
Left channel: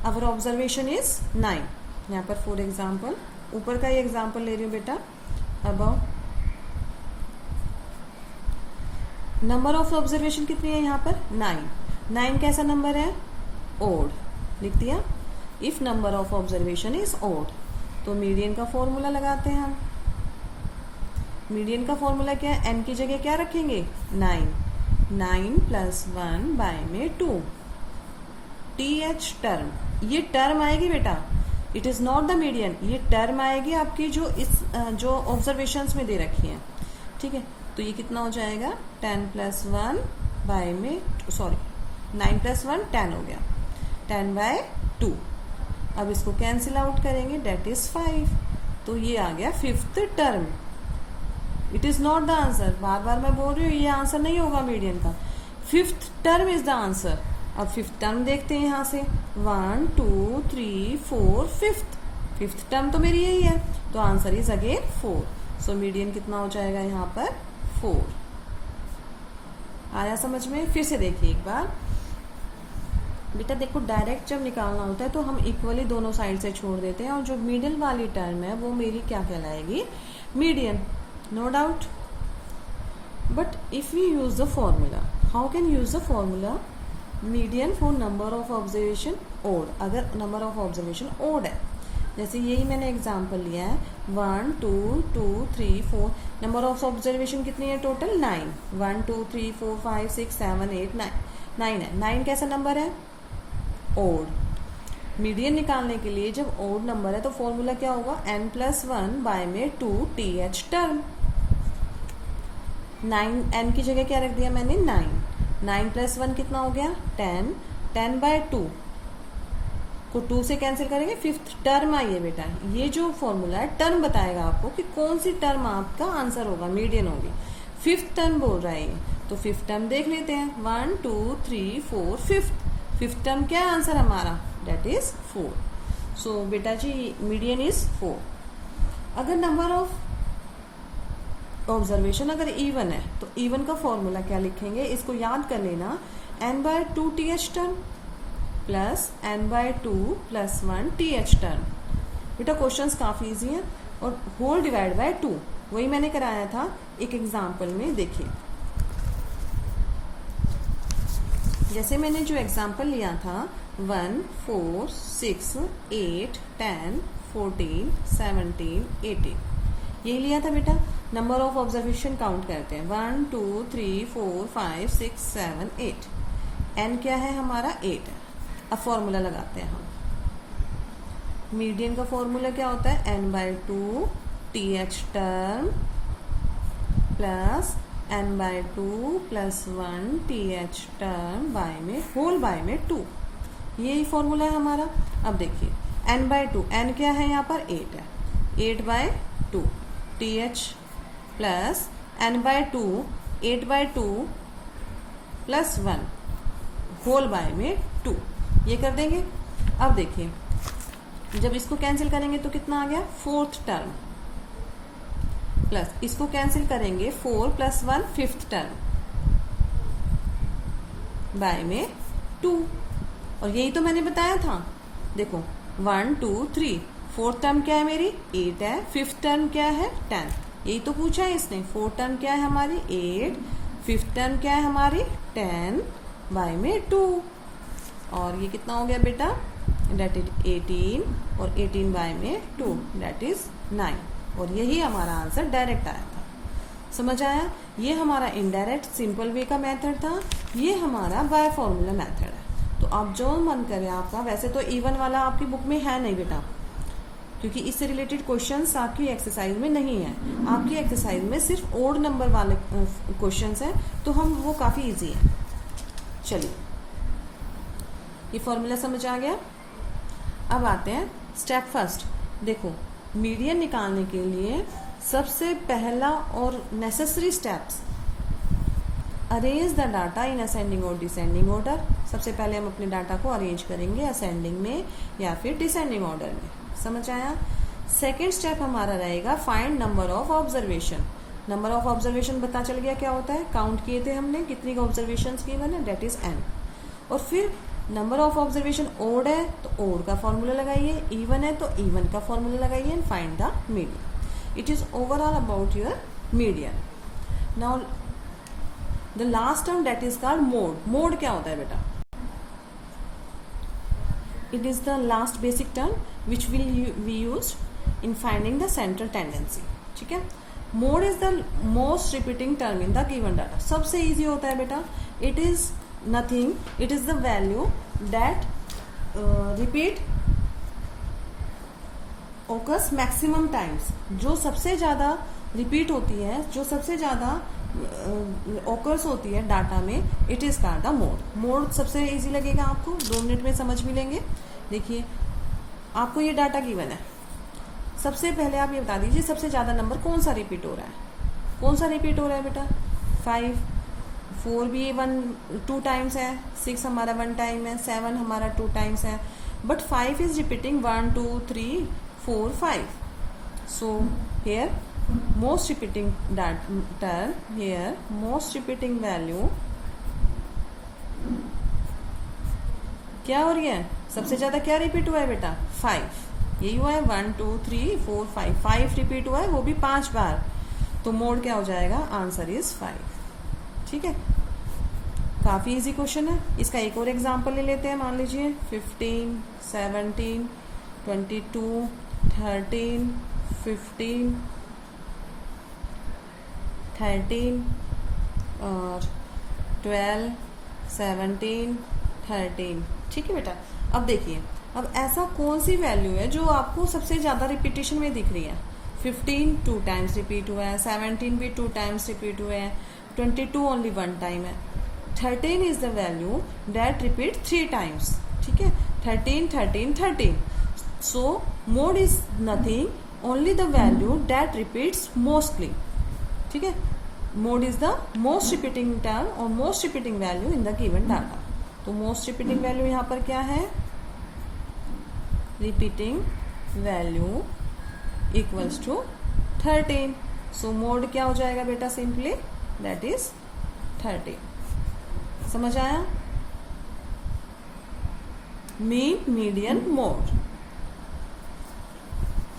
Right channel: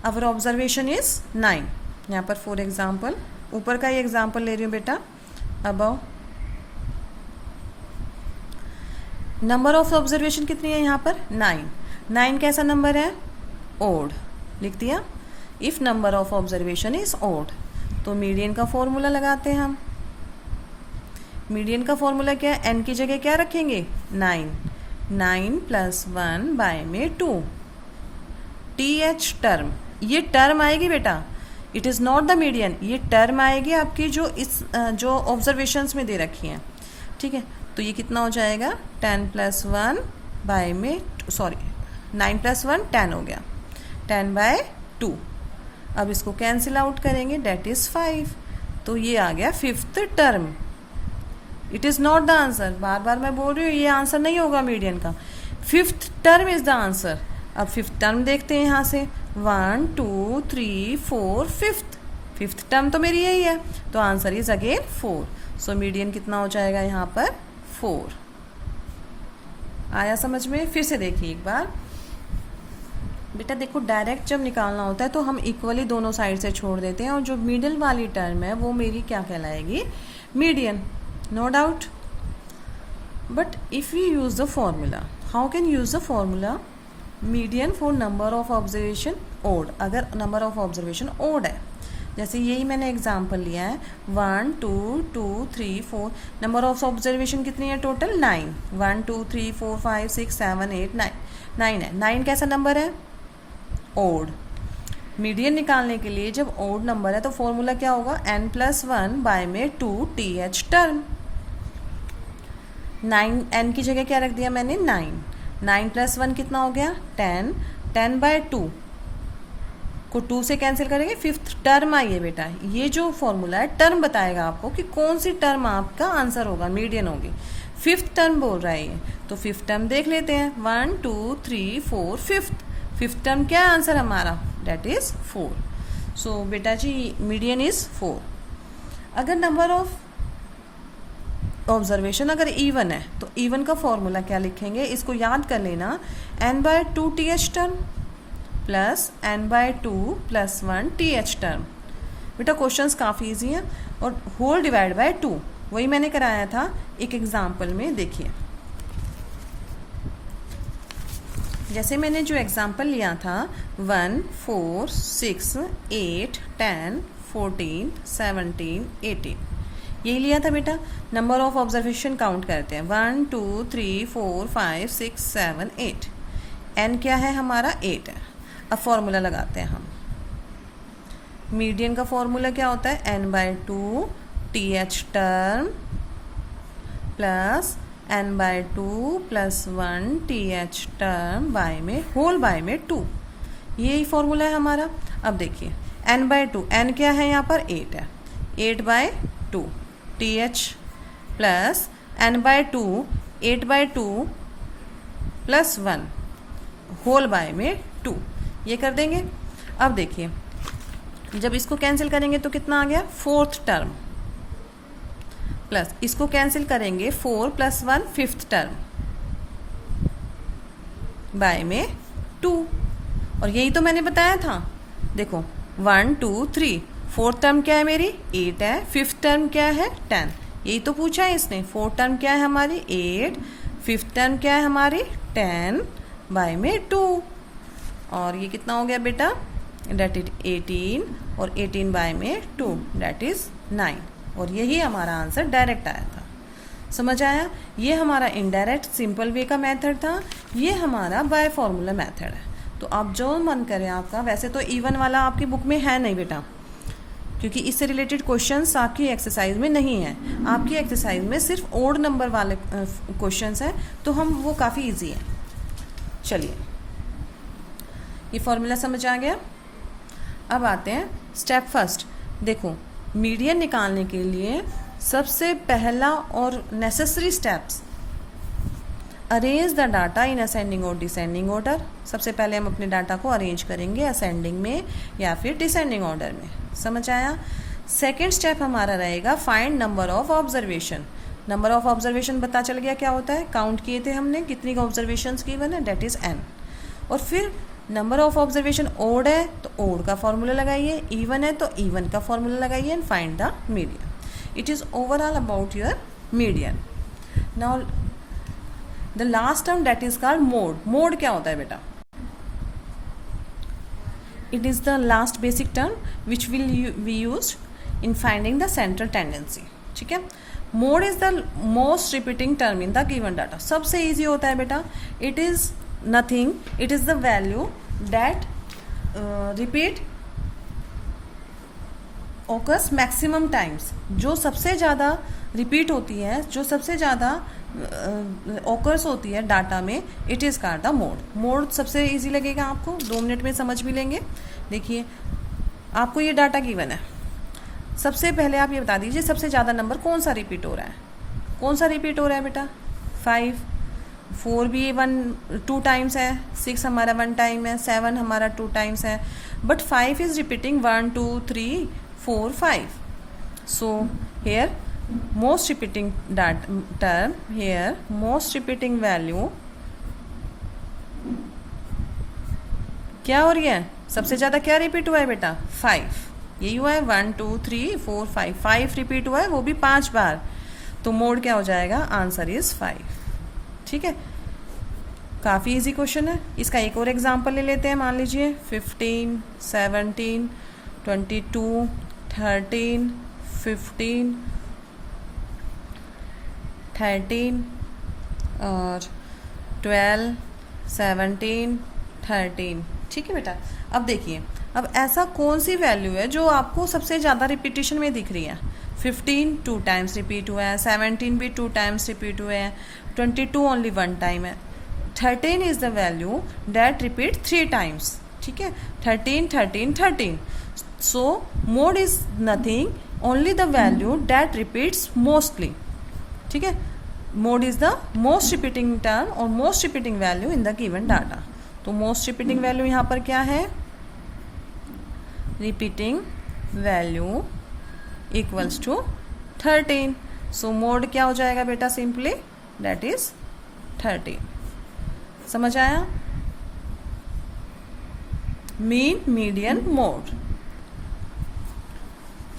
Our observation is 9। यहाँ पर फॉर एग्जाम्पल ऊपर का ही एग्जाम्पल ले रही हूँ बेटा। अबव नंबर ऑफ ऑब्जर्वेशन कितनी है यहाँ पर? 9 कैसा नंबर है? ओड। लिख दिया। If number of observation is odd, तो मीडियन का फॉर्मूला लगाते हैं हम। मीडियन का फॉर्मूला क्या है? n की जगह क्या रखेंगे? 9 + 1 बाय में 2। TH टर्म, ये टर्म आएगी बेटा, it is not the median, ये टर्म आएगी आपकी जो इस जो ऑब्जर्वेशंस में दे रखी हैं, ठीक है। तो ये कितना हो जाएगा 10 + 1 बाय में 9 + 1 10 हो गया, 10/2। अब इसको कैंसिल आउट करेंगे, डेट इज़ 5। तो ये आ गया 5th term. It is not the answer, बार बार मैं बोल रही हूँ, ये आंसर नहीं होगा मीडियन का, 5th term is the answer. अब 5th टर्म देखते हैं यहाँ से, 1 2 3 4 5th टर्म तो मेरी यही है, तो answer is again 4। So median कितना हो जाएगा यहाँ पर 4। आया समझ में? फिर से देखिए एक बार बेटा, देखो डायरेक्ट जब निकालना होता है तो हम इक्वली दोनों साइड से छोड़ देते हैं, और जो मिडिल वाली टर्म है वो मेरी क्या कहलाएगी, median, no doubt. But if you use the formula, how can use the formula, median for number of observation odd, अगर नंबर ऑफ ऑब्जर्वेशन ओड है, जैसे यही मैंने एग्जांपल लिया है 1 2 2 3 4, नंबर ऑफ ऑब्जर्वेशन कितनी है टोटल 9, 1 2 3 4 5 6 7 8 9, 9 है। 9 कैसा नंबर है, ओड। मीडियन निकालने के लिए जब ओड नंबर है तो फॉर्मूला क्या होगा, n + 1 बाय में 2 TH टर्म। 9 n की जगह क्या रख दिया मैंने, 9 + 1 कितना हो गया 10, 10/2 को 2 से कैंसिल करेंगे, 5th टर्म आई है बेटा। ये जो फॉर्मूला है टर्म बताएगा आपको कि कौन सी टर्म आपका आंसर होगा, मीडियन होगी। 5th टर्म बोल रहा है ये, तो 5th टर्म देख लेते हैं, 1 2 3 4 5th टर्म क्या है आंसर हमारा, डेट इज 4। सो बेटा जी मीडियन इज 4। अगर नंबर ऑफ ऑब्जर्वेशन अगर इवन है तो इवन का फॉर्मूला क्या लिखेंगे, इसको याद कर लेना, n/2 TH term plus n/2 + 1 TH term. बेटा क्वेश्चंस काफ़ी इजी है, और होल डिवाइड बाय 2 वही मैंने कराया था एक एग्जाम्पल में। देखिए जैसे मैंने जो एग्जाम्पल लिया था 1 4 6 8 10 14 17 18, यही लिया था बेटा। नंबर ऑफ ऑब्जर्वेशन काउंट करते हैं, 1 2 3 4 5 6 7 8, एन क्या है हमारा 8 है। अब फॉर्मूला लगाते हैं हम। मीडियन का फॉर्मूला क्या होता है, n/2 TH term plus n/2 + 1 TH term by में होल बाय में 2, यही फॉर्मूला है हमारा। अब देखिए n/2, n क्या है यहाँ पर 8 है, 8/2 TH plus n/2 8/2 + 1 whole by में 2, ये कर देंगे। अब देखिए जब इसको कैंसिल करेंगे तो कितना आ गया, 4th टर्म, प्लस इसको कैंसिल करेंगे 4 + 1 5th टर्म बाय में 2, और यही तो मैंने बताया था। देखो 1 2 3, 4th टर्म क्या है मेरी 8 है, 5th टर्म क्या है 10, यही तो पूछा है इसने। 4th टर्म क्या है हमारी 8, 5th टर्म क्या है हमारी 10 बाय में 2, और ये कितना हो गया बेटा, डेट इज 18, और 18 बाय में 2 डेट इज 9, और यही हमारा आंसर डायरेक्ट आया था। समझ आया? ये हमारा इनडायरेक्ट सिंपल वे का मेथड था, ये हमारा बाय फॉर्मूला मेथड है। तो आप जो मन करें आपका, वैसे तो इवन वाला आपकी बुक में है नहीं बेटा, क्योंकि इससे रिलेटेड क्वेश्चंस आपकी एक्सरसाइज में नहीं है। आपकी एक्सरसाइज में सिर्फ ओड नंबर वाले क्वेश्चंस हैं, तो हम वो काफ़ी इजी है। चलिए ये फॉर्मूला समझ आ गया। अब आते हैं स्टेप फर्स्ट। देखो मीडियन निकालने के लिए सबसे पहला और necessary steps, arrange the data in ascending और डिसेंडिंग ऑर्डर। सबसे पहले हम अपने डाटा को अरेंज करेंगे असेंडिंग में या फिर डिसेंडिंग ऑर्डर में। समझ आया? सेकेंड स्टेप हमारा रहेगा find number of observation. Number of observation पता चल गया क्या होता है, काउंट किए थे हमने कितनी ऑब्जर्वेशन गिवन है, डेट इज n। और फिर नंबर ऑफ ऑब्जर्वेशन ओड है तो ओड का फॉर्मूला लगाइए, इवन है तो इवन का फॉर्मूला लगाइए, and find the median. It is overall about your median. Now the last term debt is called mode. Mode क्या होता है बेटा? It is the last basic term which will be used in finding the central tendency. ठीक है, mode is the most repeating term in the given data. सबसे इजी होता है बेटा, it is nothing, it is the value that repeat occurs maximum times, जो सबसे ज़्यादा रिपीट होती है, जो सबसे ज़्यादा ओकर्स होती है डाटा में, it is called the mode. Mode सबसे इजी लगेगा आपको, 2 मिनट में समझ भी लेंगे। देखिए आपको ये डाटा गिवन है, सबसे पहले आप ये बता दीजिए सबसे ज़्यादा नंबर कौन सा रिपीट हो रहा है। कौन सा रिपीट हो रहा है बेटा? 5। 4 भी 2 टाइम्स है, 6 हमारा 1 टाइम है, 7 हमारा 2 टाइम्स है, but 5 is repeating 1 2 3 4 5. So here most repeating term, here most repeating value क्या हो रही है? सबसे ज्यादा क्या रिपीट हुआ है बेटा? 5. यही हुआ है 1 2 3 4 5. 5 रिपीट हुआ है, वो भी 5 बार। तो मोड क्या हो जाएगा? Answer is 5। ठीक है, काफी इजी क्वेश्चन है। इसका एक और एग्जांपल ले लेते हैं। मान लीजिए 15 17 22 13 15 13 और 12 17 13। ठीक है बेटा, अब देखिए, अब ऐसा कौन सी वैल्यू है जो आपको सबसे ज़्यादा रिपीटिशन में दिख रही है? 15 2 टाइम्स रिपीट हुआ है, 17 भी 2 टाइम्स रिपीट हुए हैं, 22 ओनली 1 टाइम है, 13 is the value that repeat 3 times. ठीक है, 13 13 13। So mode is nothing, only the value that repeats mostly. ठीक है, mode is the most repeating term और most repeating value in the given data. तो मोस्ट रिपीटिंग वैल्यू यहाँ पर क्या है? Repeating value equals to 13। So mode क्या हो जाएगा बेटा? Simply that is 13। समझ आया? Mean, median, mode.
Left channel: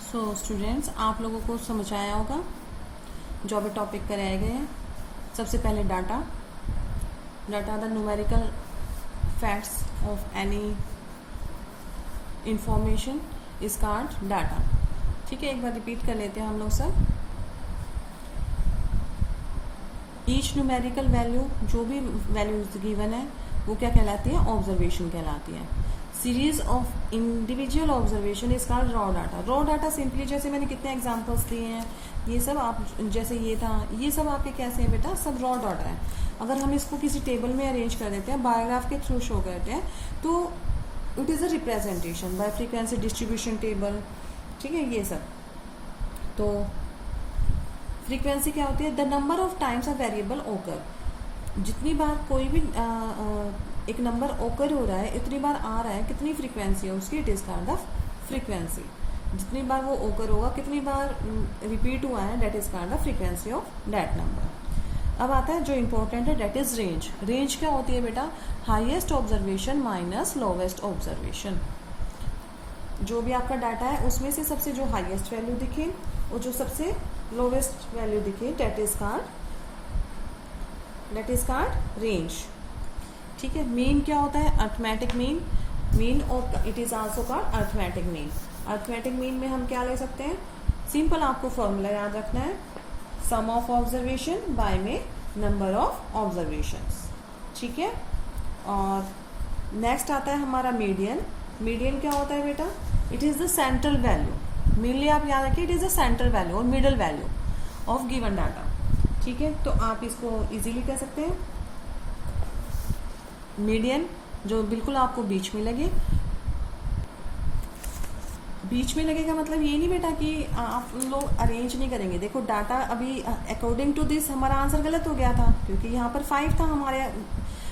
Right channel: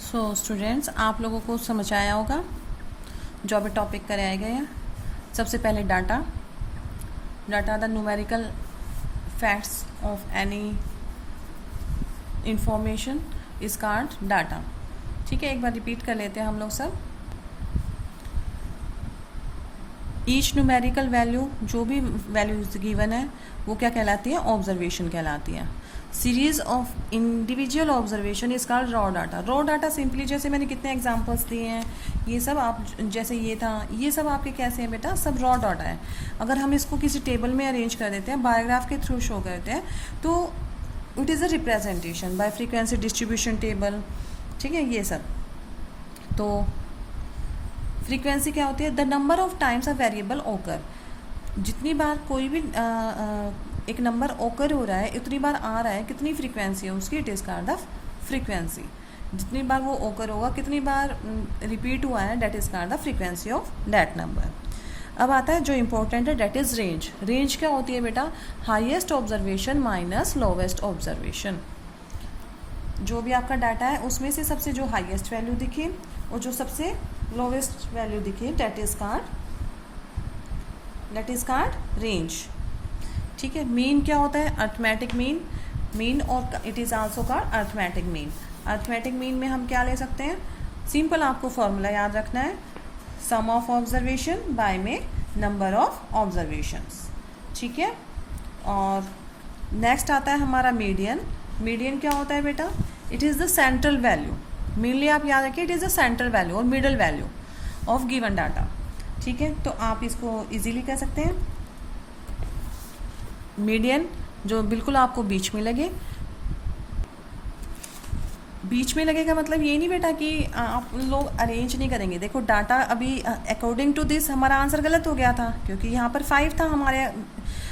So students, आप लोगों को समझ आया होगा जो अभी टॉपिक कराया गया। सबसे पहले data the numerical facts of any information is called data. ठीक है, एक बार रिपीट कर लेते हैं हम लोग सब। ईच न्यूमेरिकल वैल्यू, जो भी वैल्यूज गिवन है, वो क्या कहलाती है? ऑब्जर्वेशन कहलाती है। Series of individual observation is called raw data. Raw data simply, जैसे मैंने कितने एग्जांपल्स दिए हैं, ये सब आप, जैसे ये था, ये सब आपके कैसे हैं बेटा? सब रॉ डाटा है। अगर हम इसको किसी टेबल में अरेंज कर देते हैं, बायोग्राफ के थ्रू शो करते हैं, तो it is a representation bye frequency distribution table. ठीक है, ये सब। तो फ्रीक्वेंसी क्या होती है? The number of times a variable ओकर। जितनी बार कोई भी एक नंबर ओकर हो रहा है, इतनी बार आ रहा है, कितनी फ्रीक्वेंसी है उसकी? It is called the frequency. जितनी बार वो ओकर होगा, कितनी बार रिपीट हुआ है, that is called the frequency of that number. अब आता है जो इंपॉर्टेंट है, दैट इज रेंज। रेंज क्या होती है बेटा? Highest observation minus lowest observation. जो भी आपका डाटा है उसमें से सबसे जो हाईएस्ट वैल्यू दिखे और जो सबसे लोवेस्ट वैल्यू दिखे, दैट इज कॉल्ड रेंज। ठीक है, मीन क्या होता है? अर्थमेटिक मीन और it is also called arithmetic mean. Arithmetic mean में हम क्या ले सकते हैं? सिंपल आपको फॉर्मूला याद रखना है, सम ऑफ ऑब्जर्वेशन बाय में नंबर ऑफ ऑब्जर्वेशंस। ठीक है, और नेक्स्ट आता है हमारा मीडियन। मीडियन क्या होता है बेटा? It is the central value. Mainly आप याद रखिए, it is the central value और middle value of given data. ठीक है, तो आप इसको इजीली कह सकते हैं मीडियन, जो बिल्कुल आपको बीच में लगे। बीच में लगेगा मतलब ये नहीं बेटा कि आप लोग अरेंज नहीं करेंगे। देखो डाटा अभी अकॉर्डिंग टू दिस हमारा आंसर गलत हो गया था, क्योंकि यहाँ पर 5 था।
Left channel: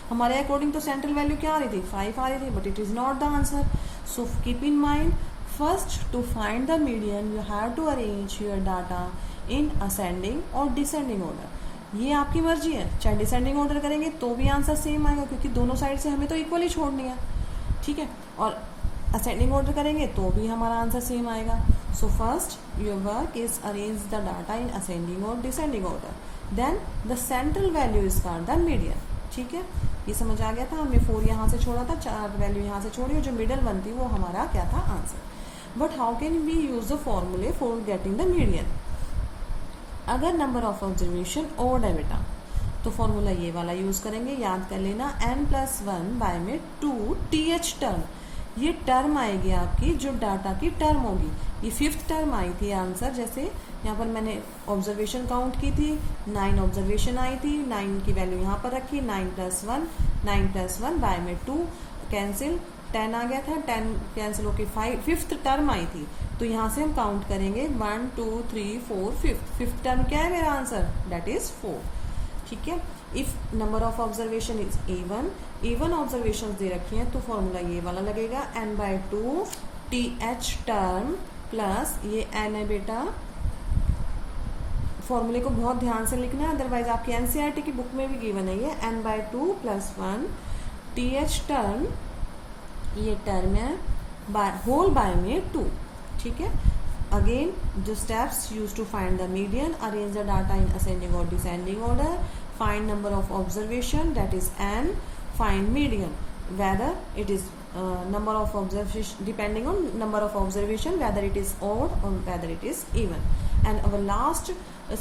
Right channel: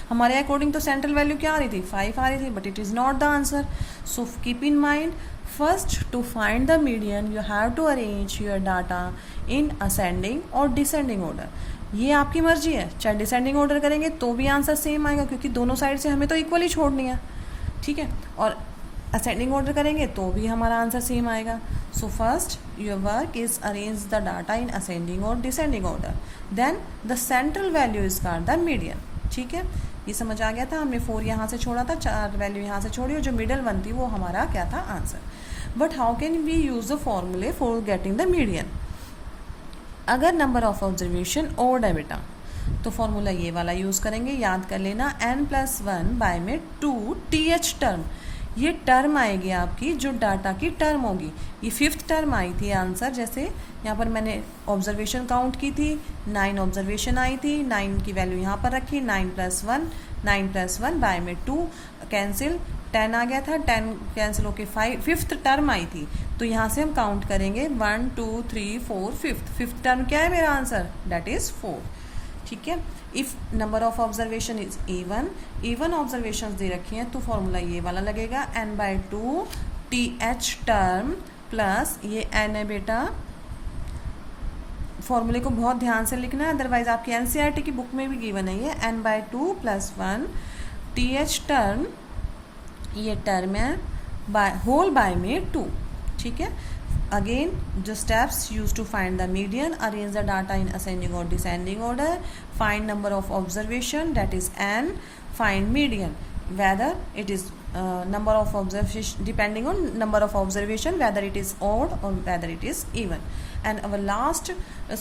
हमारे अकॉर्डिंग तो सेंट्रल वैल्यू क्या आ रही थी? 5 आ रही थी, but it is not the answer. So keep in mind, first to find the median you have to arrange your data in ascending और डिसेंडिंग ऑर्डर। ये आपकी मर्जी है, चाहे डिसेंडिंग ऑर्डर करेंगे तो भी आंसर सेम आएगा, क्योंकि दोनों साइड से हमें तो इक्वली छोड़नी है। ठीक है, और असेंडिंग ऑर्डर करेंगे तो भी हमारा आंसर सेम आएगा। So first your work is arrange the data in ascending और descending order, then the central value is called the median. ठीक है, ये समझ आ गया था। हमने 4 यहाँ से छोड़ा था, 4 वैल्यू यहाँ से छोड़ी, और जो मिडल वन थी वो हमारा क्या था? Answer. But how can we use the formula for getting the median? अगर नंबर ऑफ ऑब्जर्वेशन ओड है बेटा, तो फॉर्मूला ये वाला यूज करेंगे, याद कर लेना, n+1 बाय में 2 th टर्म। ये टर्म आएगी आपकी, जो डाटा की टर्म होगी। ये 5th टर्म आई थी आंसर। जैसे यहाँ पर मैंने ऑब्जर्वेशन काउंट की थी, 9 ऑब्जर्वेशन आई थी, 9 की वैल्यू यहाँ पर रखी, 9 + 1 बाय में 2 कैंसिल, 10 आ गया था, 10 कैंसिल होके 5th टर्म आई थी। तो यहाँ से हम काउंट करेंगे 1 2 3 4 5th टर्म क्या है मेरा आंसर, दैट इज 4। ठीक है। If number of observation is A1 observation दे रखी हैं तो फॉर्मूला ये वाला लगेगा, n/2 TH टर्म प्लस ये n है बेटा। फॉर्मूले को बहुत ध्यान से लिखना है, अदरवाइज आपकी NCERT की बुक में भी गिवन है ये, n/2 + 1 TH टर्म, ये टर्म है होल बाय में 2। ठीक है। अगेन जो steps use to find the median, arrange the data in ascending और descending order, find number of observation that is n, find median whether it is number of observation, depending on number of observation whether it is odd or whether it is even. And our last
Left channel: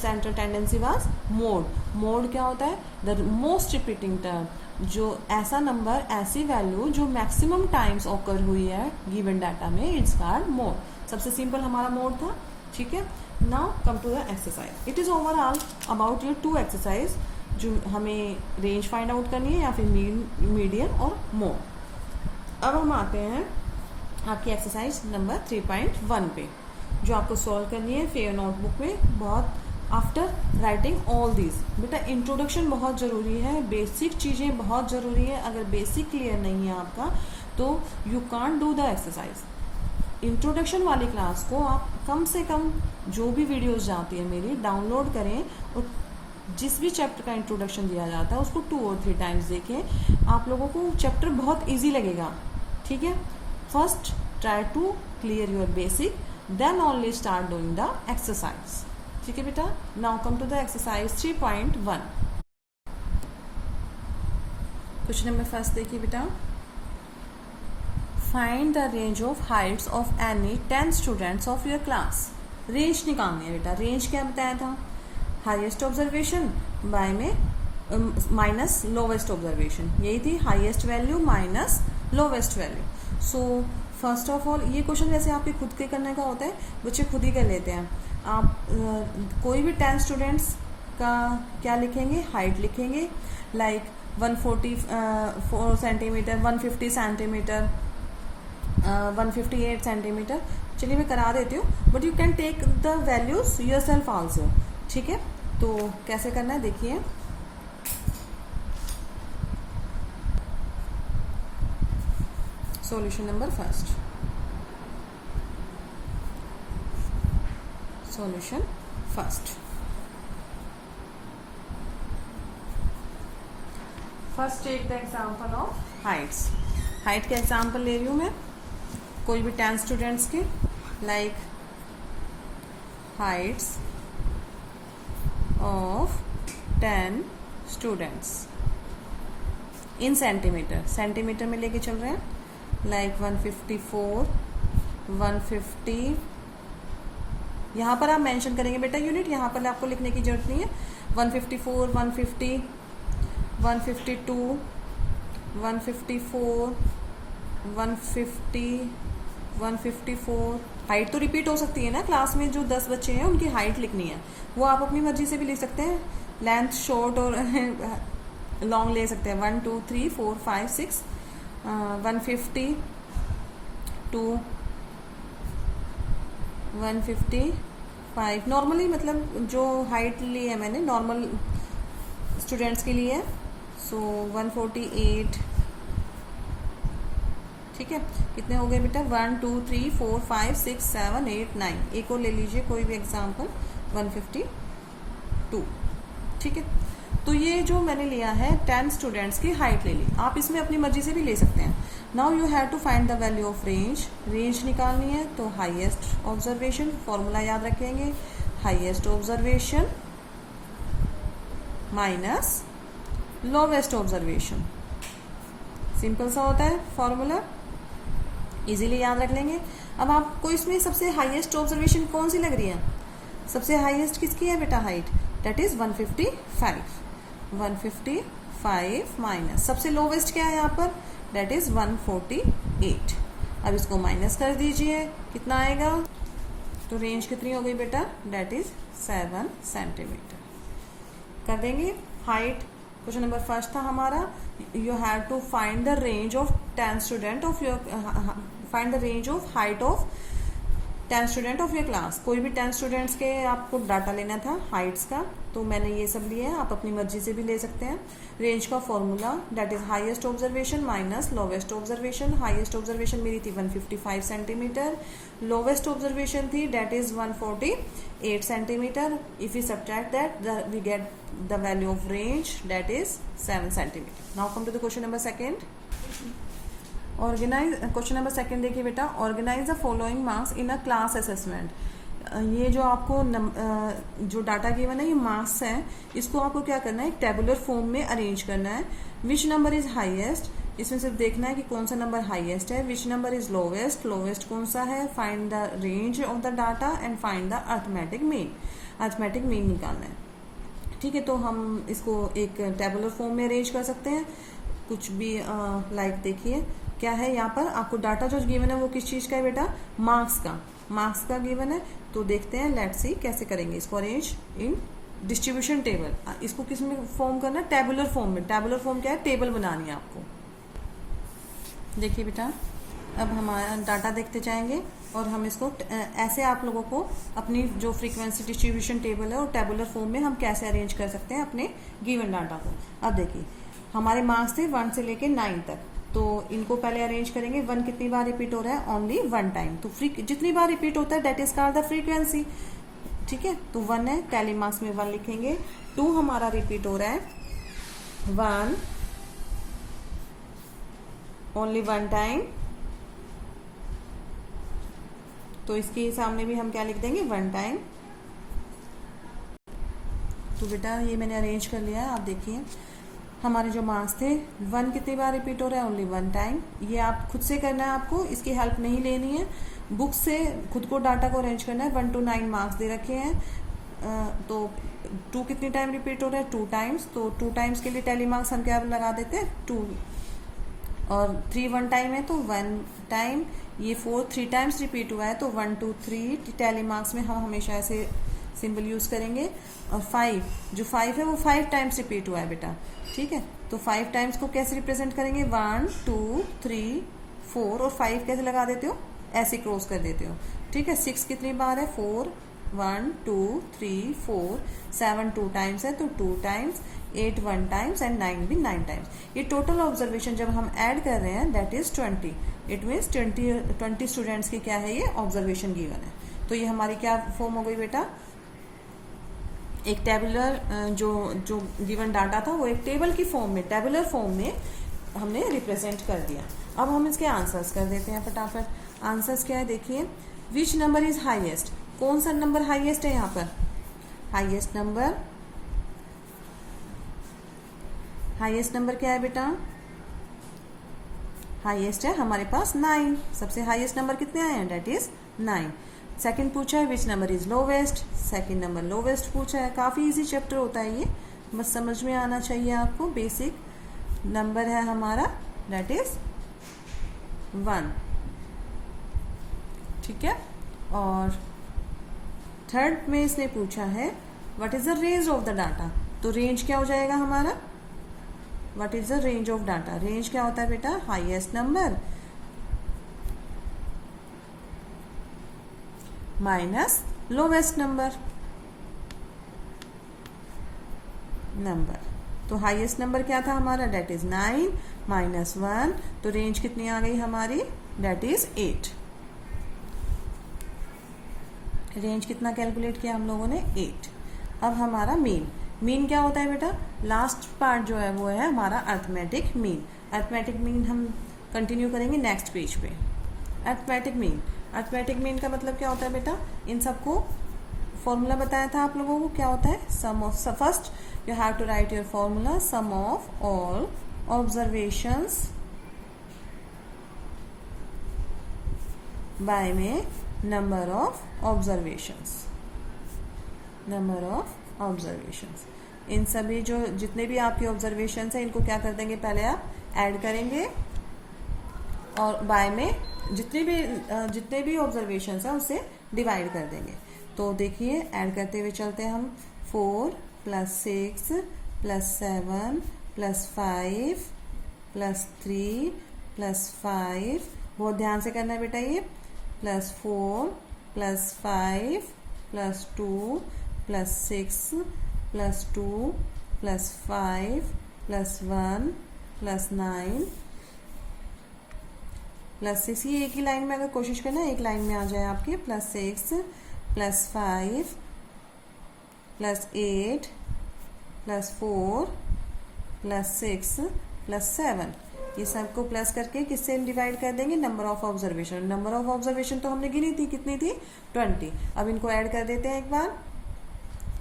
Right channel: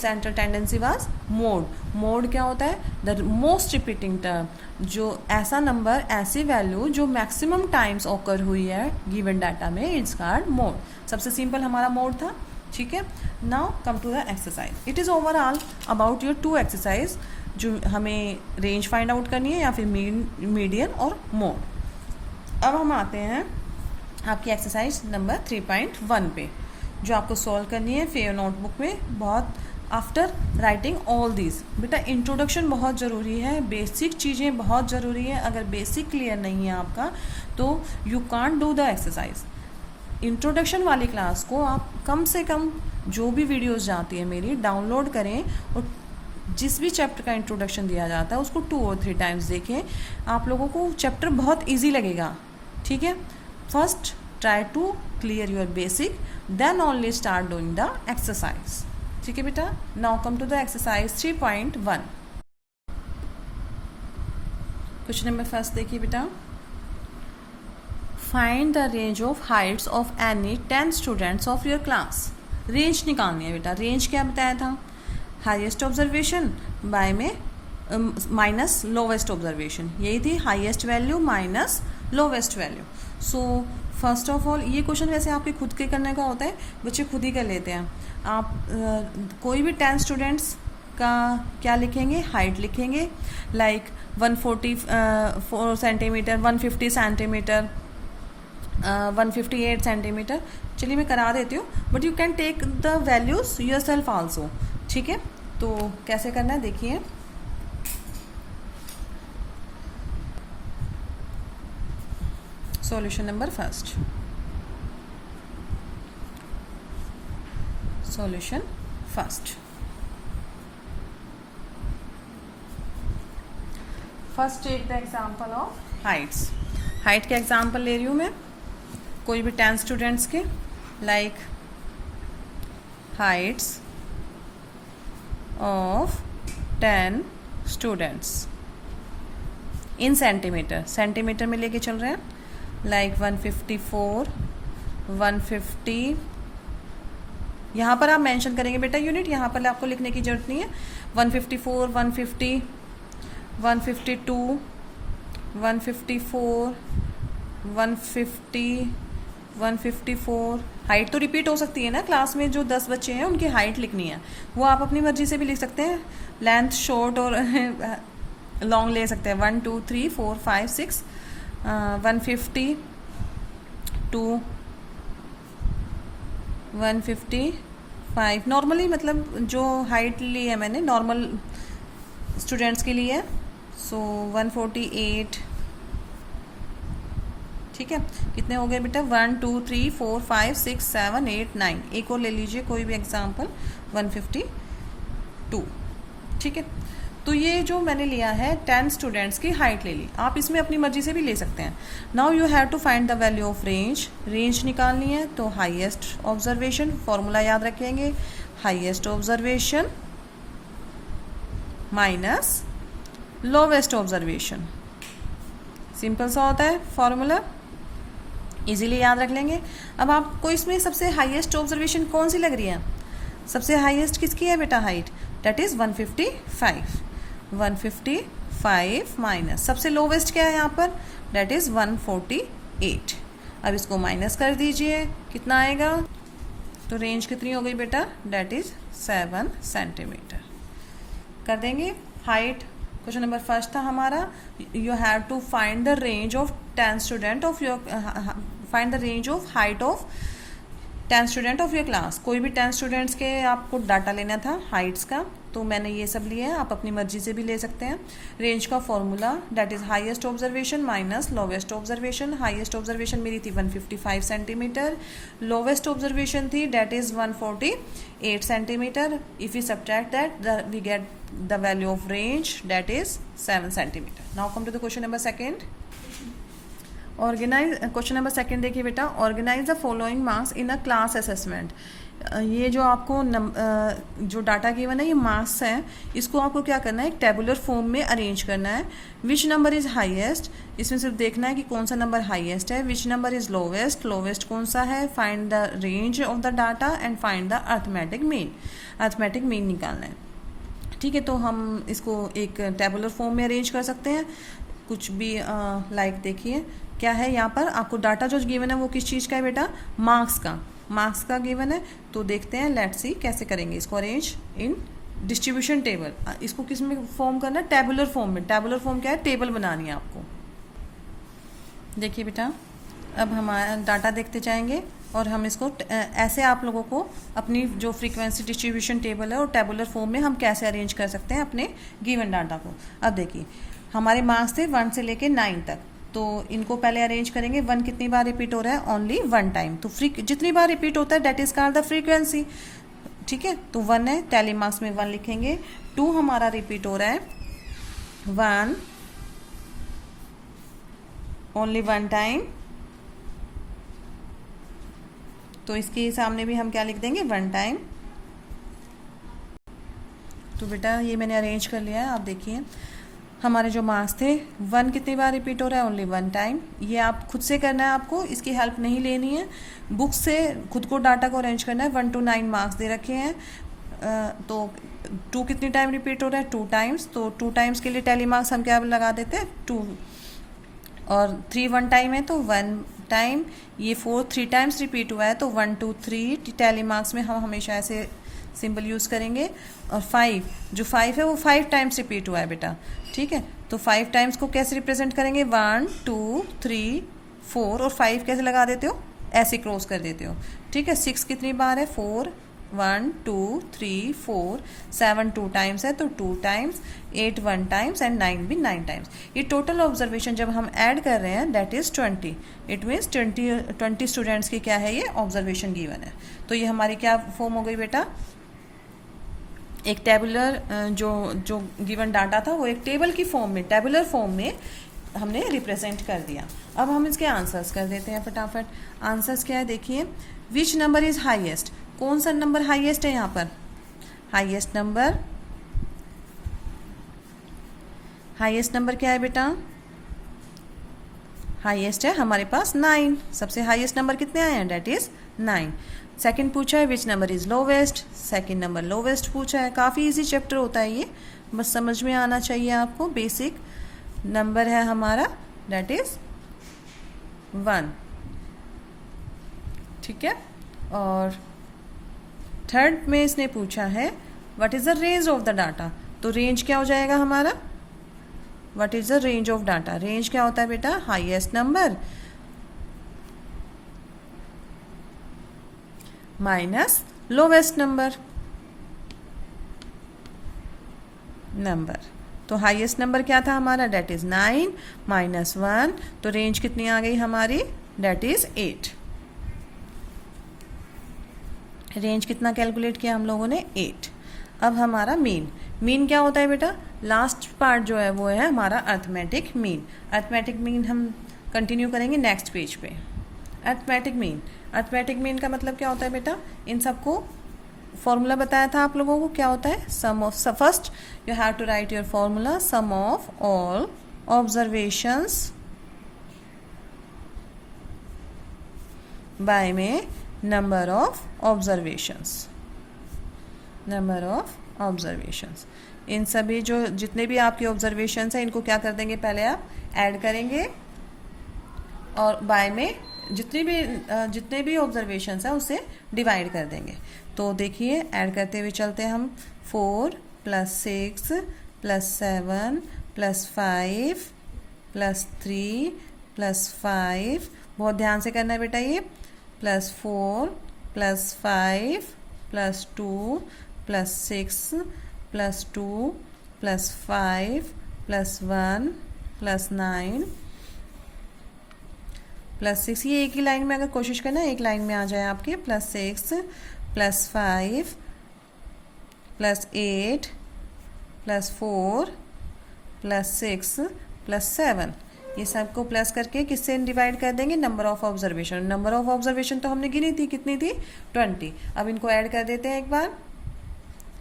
central tendency was mode क्या होता है, the most repeating term, जो ऐसा नंबर ऐसी वैल्यू जो मैक्सिमम टाइम्स ऑकर हुई है गिवन डाटा में, इट्स कॉल्ड मोड। सबसे सिंपल हमारा मोड था। ठीक है। Now come to the exercise. It is overall about your 2 exercise जो हमें रेंज फाइंड आउट करनी है या फिर मीडियन और मोड। अब हम आते हैं आपकी एक्सरसाइज नंबर 3.1 पे, जो आपको सॉल्व करनी है फेयर नोटबुक में। बहुत आफ्टर राइटिंग ऑल दिस, बेटा इंट्रोडक्शन बहुत ज़रूरी है, बेसिक चीज़ें बहुत ज़रूरी है। अगर बेसिक क्लियर नहीं है आपका तो you can't do the exercise. Introduction वाली क्लास को आप कम से कम जो भी वीडियोस जाती है मेरी डाउनलोड करें और जिस भी चैप्टर का इंट्रोडक्शन दिया जाता है उसको 2 और 3 टाइम्स देखें। आप लोगों को चैप्टर बहुत इजी लगेगा। ठीक है। First try to clear your basic, then only start doing the exercise. ठीक है बेटा। Now come to the exercise 3.1। Question number first देखिए बेटा, find the range of heights of any 10 students of your class. Range निकालनी है बेटा। रेंज क्या बताया था, हाईएस्ट ऑब्जर्वेशन बाय में माइनस लोवेस्ट ऑब्जर्वेशन, यही थी highest value minus lowest value. So first of all ये क्वेश्चन वैसे आपके खुद के करने का होता है, बच्चे खुद ही कर लेते हैं। आप कोई भी 10 स्टूडेंट्स का क्या लिखेंगे, हाइट लिखेंगे, लाइक 144 सेंटीमीटर, 150 सेंटीमीटर, 158 सेंटीमीटर। चलिए मैं करा देती हूँ, but you can take the values yourself also. ठीक है। तो कैसे करना है देखिए, solution number first, solution first take the example of heights. Height के एग्जाम्पल ले रही हूँ मैं, कोई भी 10 स्टूडेंट्स के, like heights of 10 students in centimetre, centimetre में लेके चल रहे हैं, लाइक 154, 150। यहाँ पर आप मेंशन करेंगे बेटा यूनिट, यहाँ पर आपको लिखने की जरूरत नहीं है। 154, 150, 152, 154, 150, 154। हाइट तो रिपीट हो सकती है ना, क्लास में जो 10 बच्चे हैं उनकी हाइट लिखनी है, वो आप अपनी मर्जी से भी लिख सकते हैं, लेंथ शॉर्ट और लॉन्ग ले सकते हैं। 1 2 3 4 5 6, 150 2, 155। नॉर्मली मतलब जो हाइट ली है मैंने नॉर्मल स्टूडेंट्स के लिए, सो 148। ठीक है। कितने हो गए बेटा, 1 2 3 4 5 6 7 8 9। एक और ले लीजिए कोई भी एग्जाम्पल, 152। ठीक है। तो ये जो मैंने लिया है 10 स्टूडेंट्स की हाइट ले ली, आप इसमें अपनी मर्जी से भी ले सकते हैं। Now you have to find the value of range. Range निकालनी है तो हाईएस्ट ऑब्जर्वेशन, फॉर्मूला याद रखेंगे, highest observation minus lowest observation. Simple सा होता है फॉर्मूला, इजीली याद रख लेंगे। अब आपको इसमें सबसे हाईएस्ट ऑब्जर्वेशन कौन सी लग रही है, सबसे हाईएस्ट किसकी है बेटा हाइट, दैट इज 155। 155 माइनस सबसे लोवेस्ट क्या है यहाँ पर, दैट इज 148। अब इसको माइनस कर दीजिए, कितना आएगा? तो रेंज कितनी हो गई बेटा? That is 7 centimetre. कर देंगे हाइट। क्वेश्चन नंबर फर्स्ट था हमारा, you have to find the range of 10 student of your, find the range of height of 10 student of your class. कोई भी 10 स्टूडेंट्स के आपको डाटा लेना था हाइट्स का, तो मैंने ये सब लिए हैं, आप अपनी मर्जी से भी ले सकते हैं। रेंज का formula that is highest observation minus lowest observation. Highest observation मेरी थी 155 सेंटीमीटर, लोवेस्ट ऑब्जर्वेशन थी that is 148 centimetre. If you subtract that we get the value of range that is 7 centimetre. Now come to the question number second. Organise, question number second देखिए बेटा, organise the following marks in a class assessment. ये जो आपको जो डाटा गिवन है ये मार्क्स है, इसको आपको क्या करना है, एक टेबुलर फॉर्म में अरेंज करना है। विच नंबर इज हाईएस्ट, इसमें सिर्फ देखना है कि कौन सा नंबर हाईएस्ट है। Which number is lowest, lowest कौन सा है। Find the range of the data and find the arithmetic mean, arithmetic mean निकालना है। ठीक है, तो हम इसको एक टेबुलर फॉर्म में अरेंज कर सकते हैं। कुछ भी लाइक देखिए क्या है यहाँ पर आपको डाटा जो गिवन है वो किस चीज़ का है बेटा, मार्क्स का, मार्क्स का गिवन है। तो देखते हैं, लेट्स सी कैसे करेंगे इसको अरेंज इन डिस्ट्रीब्यूशन टेबल। इसको किस में फॉर्म करना है, टेबुलर फॉर्म में। टेबुलर फॉर्म क्या है, टेबल बनानी है आपको। देखिए बेटा, अब हमारा डाटा देखते जाएंगे और हम इसको ऐसे आप लोगों को अपनी जो फ्रीक्वेंसी डिस्ट्रीब्यूशन टेबल है और टेबुलर फॉर्म में हम कैसे अरेंज कर सकते हैं अपने गिवन डाटा को। अब देखिए हमारे मार्क्स थे 1 से लेके 9 तक, तो इनको पहले अरेंज करेंगे। 1 कितनी बार रिपीट हो रहा है, ओनली 1 टाइम। तो जितनी बार रिपीट होता है that is called the frequency. ठीक है, तो 1 है, टैली मार्क्स में 1 लिखेंगे। 2 हमारा रिपीट हो रहा है 1 ओनली 1 टाइम, तो इसके सामने भी हम क्या लिख देंगे, 1 टाइम। तो बेटा ये मैंने अरेंज कर लिया है। आप देखिए हमारे जो मार्क्स थे 1 कितनी बार रिपीट हो रहा है, ओनली 1 टाइम। ये आप खुद से करना है, आपको इसकी हेल्प नहीं लेनी है। बुक से खुद को डाटा को अरेंज करना है। 1 to 9 मार्क्स दे रखे हैं, तो 2 कितनी टाइम रिपीट हो रहा है, 2 टाइम्स। तो 2 टाइम्स के लिए टैली मार्क्स हम क्या लगा देते हैं, 2। और 3 1 टाइम है तो 1 टाइम। ये 4 3 टाइम्स रिपीट हुआ है तो 1 2 3 टैली मार्क्स में हम हमेशा ऐसे सिंबल यूज़ करेंगे। और 5 जो 5 है वो 5 टाइम्स रिपीट हुआ है बेटा। ठीक है, तो 5 टाइम्स को कैसे रिप्रेजेंट करेंगे, 1 2 3 4 और 5 कैसे लगा देते हो, ऐसे क्रॉस कर देते हो। ठीक है, 6 कितनी बार है, 4 1 2 3 4 7 2 टाइम्स है तो 2 टाइम्स, 8 1 टाइम्स एंड 9 भी 9 टाइम्स। ये टोटल ऑब्जर्वेशन जब हम ऐड कर रहे हैं that is 20। It means 20 students की क्या है, ये ऑब्जर्वेशन गिवन है। तो ये हमारी क्या फॉर्म हो गई बेटा, एक टेबुलर जो गिवन डाटा था वो एक टेबल की फॉर्म में, टेबुलर फॉर्म में हमने रिप्रेजेंट कर दिया। अब हम इसके आंसर्स कर देते हैं फटाफट। आंसर्स क्या है देखिए, विच नंबर इज हाईएस्ट, कौन सा नंबर हाईएस्ट है यहाँ पर, हाईएस्ट नंबर क्या है बेटा, हाईएस्ट है हमारे पास 9। सबसे हाईएस्ट नंबर कितने आए हैं, डेट इज 9। सेकंड पूछा है which number is lowest, second number lowest पूछा है। काफ़ी इजी चैप्टर होता है ये, बस समझ में आना चाहिए आपको। बेसिक नंबर है हमारा दैट इज 1। ठीक है, और थर्ड में इसने पूछा है what is the range of the data. तो रेंज क्या हो जाएगा हमारा, what is the range of data. Range क्या होता है बेटा, highest number minus lowest number. तो हाईएस्ट नंबर क्या था हमारा, डेट इज 9 माइनस 1, तो रेंज कितनी आ गई हमारी, डेट इज 8। रेंज कितना कैलकुलेट किया हम लोगों ने, 8। अब हमारा मीन क्या होता है बेटा, लास्ट पार्ट जो है वो है हमारा अर्थमेटिक मीन। अर्थमेटिक मीन हम कंटिन्यू करेंगे नेक्स्ट पेज पे। अर्थमेटिक मीन का मतलब क्या होता है बेटा, इन सबको फॉर्मूला बताया था आप लोगों को, क्या होता है, sum of, first you have to write your formula, sum of all observations by में नंबर ऑफ ऑब्जर्वेशंस। इन सभी जो जितने भी आपके ऑब्जर्वेशंस हैं इनको क्या कर देंगे, पहले आप ऐड करेंगे और बाय में जितने भी ऑब्जर्वेशंस हैं उसे डिवाइड कर देंगे। तो देखिए ऐड करते हुए चलते हैं हम। 4 + 6 + 7 + 5 + 3 + 5, बहुत ध्यान से करना है बेटा ये, +4 + 5 + 2 + 6 + 2 + 5 + 1 + 9 +6। ये एक ही लाइन में अगर कोशिश करना एक लाइन में आ जाए आपके, +6 + 5 + 8 + 4 + 6 + 7, ये सबको प्लस करके किससे डिवाइड कर देंगे, number of observation. Number of observation तो हमने गिनी थी, कितनी थी, 20। अब इनको ऐड कर देते हैं एक बार।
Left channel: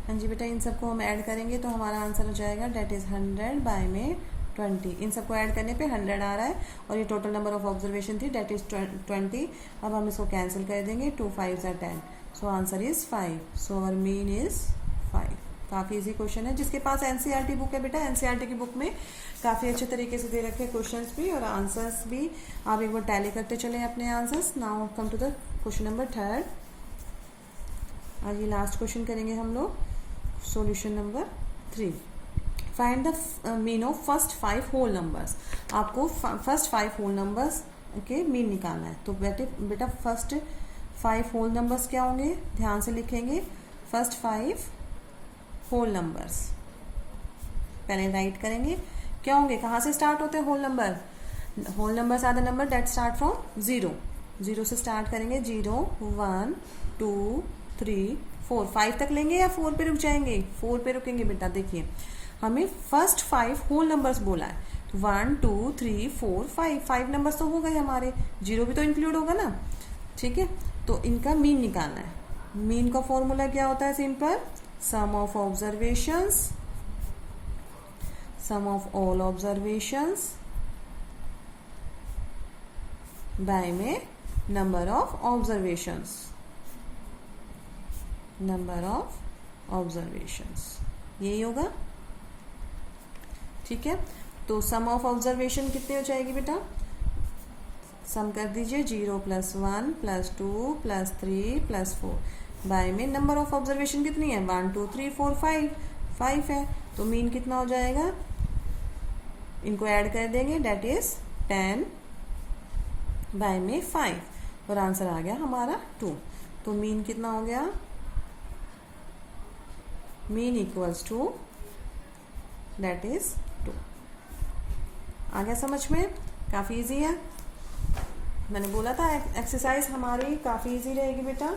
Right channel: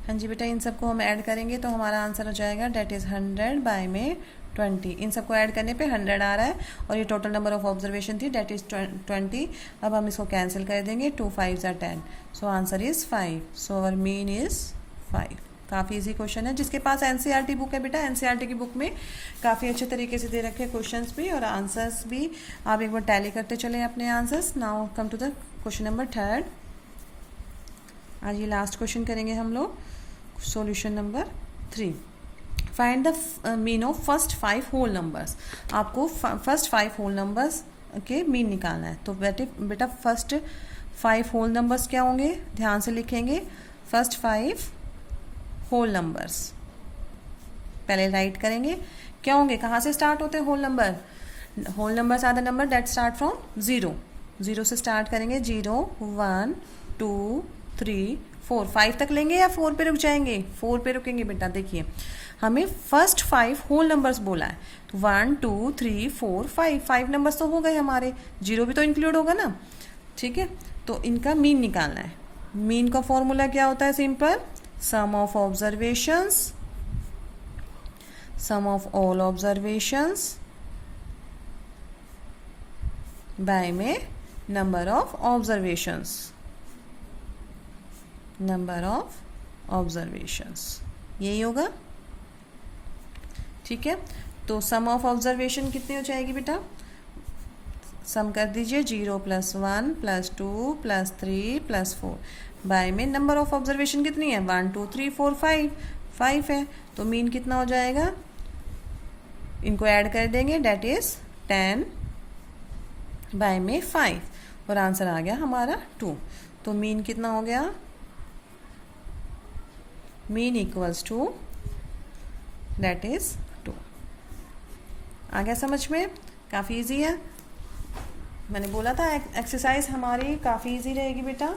हाँ जी बेटा, इन सबको हम ऐड करेंगे तो हमारा आंसर हो जाएगा डेट इज़ 100 बाय में 20। इन सबको ऐड करने पे 100 आ रहा है और ये टोटल नंबर ऑफ ऑब्जर्वेशन थी डेट इज़ 20। अब हम इसको कैंसिल कर देंगे, 2 5s are 10, so answer is 5। So our mean is 5। काफ़ी इजी क्वेश्चन है। जिसके पास एनसीईआरटी बुक है बेटा, एनसीईआरटी की बुक में काफ़ी अच्छे तरीके से दे रखे हैं क्वेश्चंस भी और आंसर्स भी। आप एक बार टैली करते चले अपने answers. Now come to the question number 3। आज ये लास्ट क्वेश्चन करेंगे हम लोग। Solution number 3, find the mean of first 5 whole numbers. आपको फर्स्ट 5 होल नंबर्स के मीन निकालना है। तो बेटा फर्स्ट 5 होल नंबर्स क्या होंगे, ध्यान से लिखेंगे। फर्स्ट 5 होल नंबर्स पहले राइट करेंगे, क्या होंगे, कहाँ से स्टार्ट होते हैं whole number. Whole numbers are the number that start from 0 से स्टार्ट करेंगे। 0 1 2 3 4, 5 तक लेंगे या 4 पे रुक जाएंगे, 4 पे रुकेंगे बेटा। देखिए हमें फर्स्ट 5 होल नंबर्स बोला है, 1 2 3 4 5 नंबर्स तो हो गए हमारे, 0 भी तो इंक्लूड होगा ना, ठीक है। तो इनका मीन निकालना है। मीन का फॉर्मूला क्या होता है, simple, sum of observations, sum of all observations by में number of observations, number of observations, यही होगा, ठीक है। तो sum of observation कितनी हो जाएगी बेटा, सम कर दीजिए, 0 + 1 + 2 + 3 + 4 बाय में नंबर ऑफ ऑब्जर्वेशन कितनी है, 1 2 3 4 5 है। तो मीन कितना हो जाएगा, इनको ऐड कर देंगे, डेट इज 10 बाय में 5 और आंसर आ गया हमारा 2। तो मीन कितना हो गया, mean equals to that is 2। आ गया समझ में, काफ़ी इजी है। मैंने बोला था एक्सरसाइज हमारी काफ़ी इजी रहेगी बेटा,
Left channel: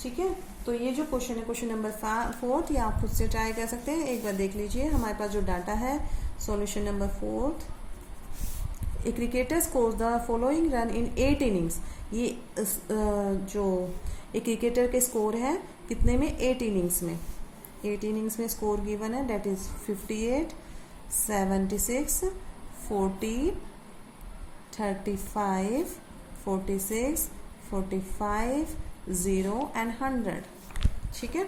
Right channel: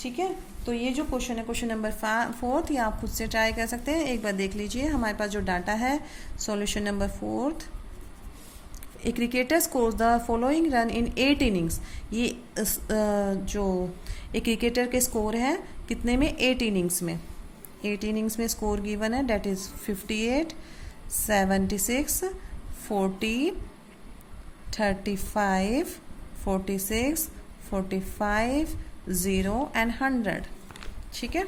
ठीक है। तो ये जो क्वेश्चन है, क्वेश्चन नंबर 4, ये आप खुद से ट्राई कर सकते हैं। एक बार देख लीजिए हमारे पास जो डाटा है। Solution number 4, a cricketer scores the following run in 8 innings. ये जो एक क्रिकेटर के स्कोर है कितने में, 8 इनिंग्स में। 8 इनिंग्स में स्कोर गिवन है, डेट इज 58 76 40 35 46 45 0 एंड 100, ठीक है।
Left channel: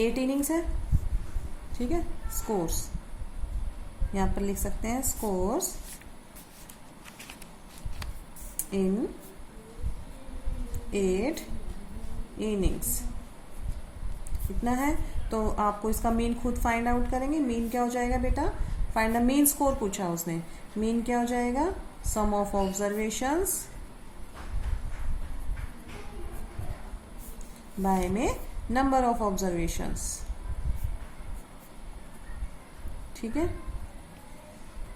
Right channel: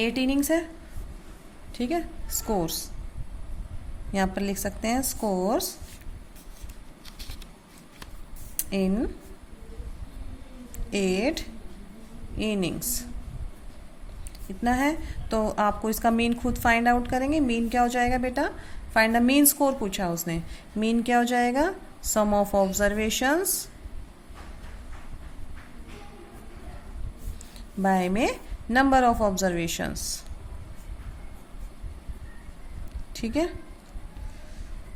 8 इनिंग्स है, ठीक है। स्कोर्स यहाँ पर लिख सकते हैं, स्कोर्स इन 8 इनिंग्स, इतना है। तो आपको इसका मीन खुद फाइंड आउट करेंगे। मीन क्या हो जाएगा बेटा, फाइंड द मीन स्कोर पूछा उसने, मीन क्या हो जाएगा, सम ऑफ ऑब्जर्वेशंस बाय में नंबर ऑफ ऑब्जर्वेशंस, ठीक है।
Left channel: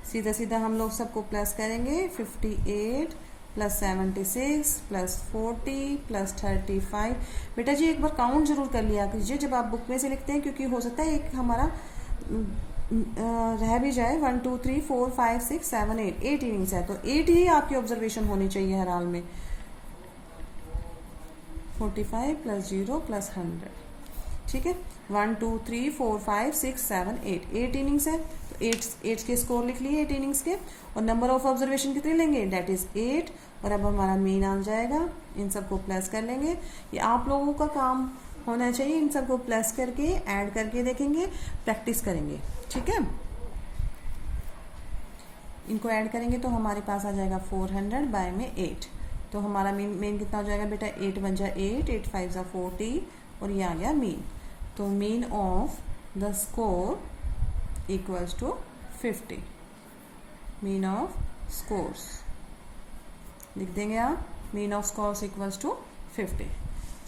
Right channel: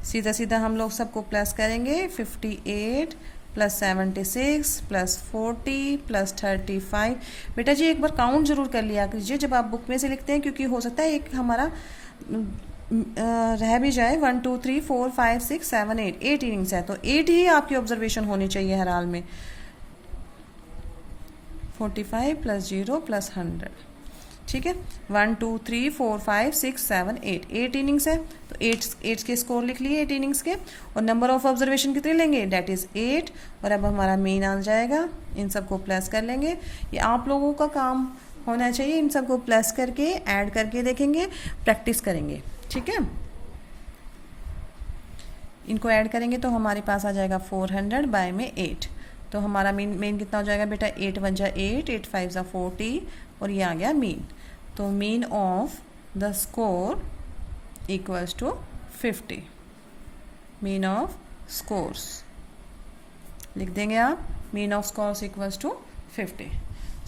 सीधा सीधा हम लोग सबको प्लस करेंगे, 58 + 76 + 40 + 35। बेटा जी एक बार काउंट जरूर कर लिया कीजिए जब आप बुक में से लिखते हैं, क्योंकि हो सकता है एक हमारा रह भी जाए। 1 2 3 4 5 6 7 8 इनिंग्स है, तो 8 ही आपकी ऑब्जर्वेशन होनी चाहिए हर हाल में। 45 + 0 + 100, ठीक है। 1 2 3 4 5 6 7 8 इनिंग्स है, तो 8 के स्कोर लिख लिए 8 इनिंग्स के, और नंबर ऑफ ऑब्जर्वेशन कितने लेंगे, डेट इज 8। और अब हमारा मेन आ जाएगा, इन सबको प्लस कर लेंगे। ये आप लोगों का काम होना चाहिए, इन सबको प्लस करके ऐड करके देखेंगे, प्रैक्टिस करेंगे, ठीक है। इनको ऐड करेंगे तो हमारे पास आ जाएगा 400 बाय में 8, तो हमारा मेन कितना हो जाएगा बेटा, 8 1 जा 8, 8 5 जा 40 और ये आ गया मीन। तो mean of the score equals to 50, mean of scores लिख देंगे आप, mean of scores equals to 50।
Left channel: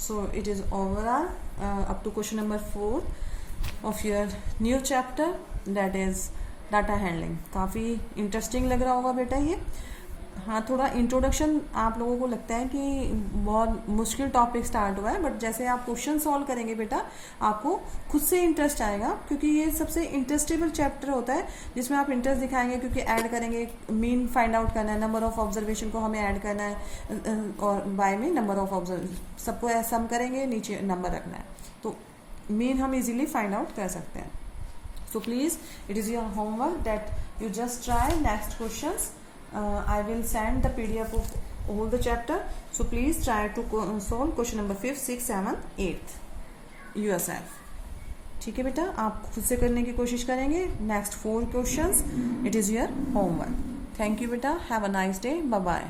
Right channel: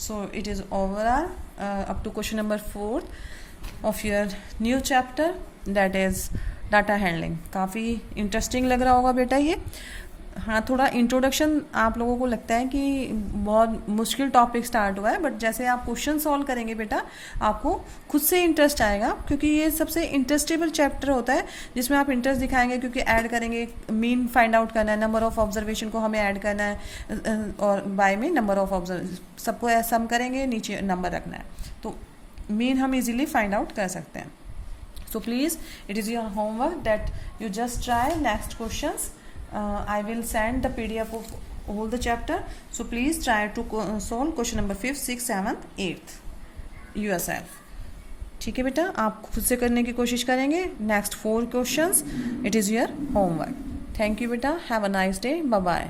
So it is overall up to question number 4 of your new chapter that is data handling. काफ़ी इंटरेस्टिंग लग रहा होगा बेटा ये। हाँ, थोड़ा इंट्रोडक्शन आप लोगों को लगता है कि बहुत मुश्किल टॉपिक स्टार्ट हुआ है, बट जैसे आप क्वेश्चन सॉल्व करेंगे बेटा आपको खुद से इंटरेस्ट आएगा, क्योंकि ये सबसे इंटरेस्टेबल चैप्टर होता है जिसमें आप इंटरेस्ट दिखाएंगे, क्योंकि ऐड करेंगे, मीन फाइंड आउट करना है, नंबर ऑफ ऑब्जर्वेशन को हमें ऐड करना है और बाय में नंबर ऑफ ऑब्जर्व सबको सम करेंगे, नीचे नंबर रखना है, तो मीन हम इजीली फाइंड आउट कर सकते हैं। So please, it is your homework that you just try next questions. I will send the PDF of all the chapter. So please try to solve question number 5th, 6th, 7th, 8th yourself. ठीक है बेटा, आप खुद से करने की कोशिश करेंगे। Next 4 questions, it is your homework. Thank you बेटा, have a nice day, bye bye.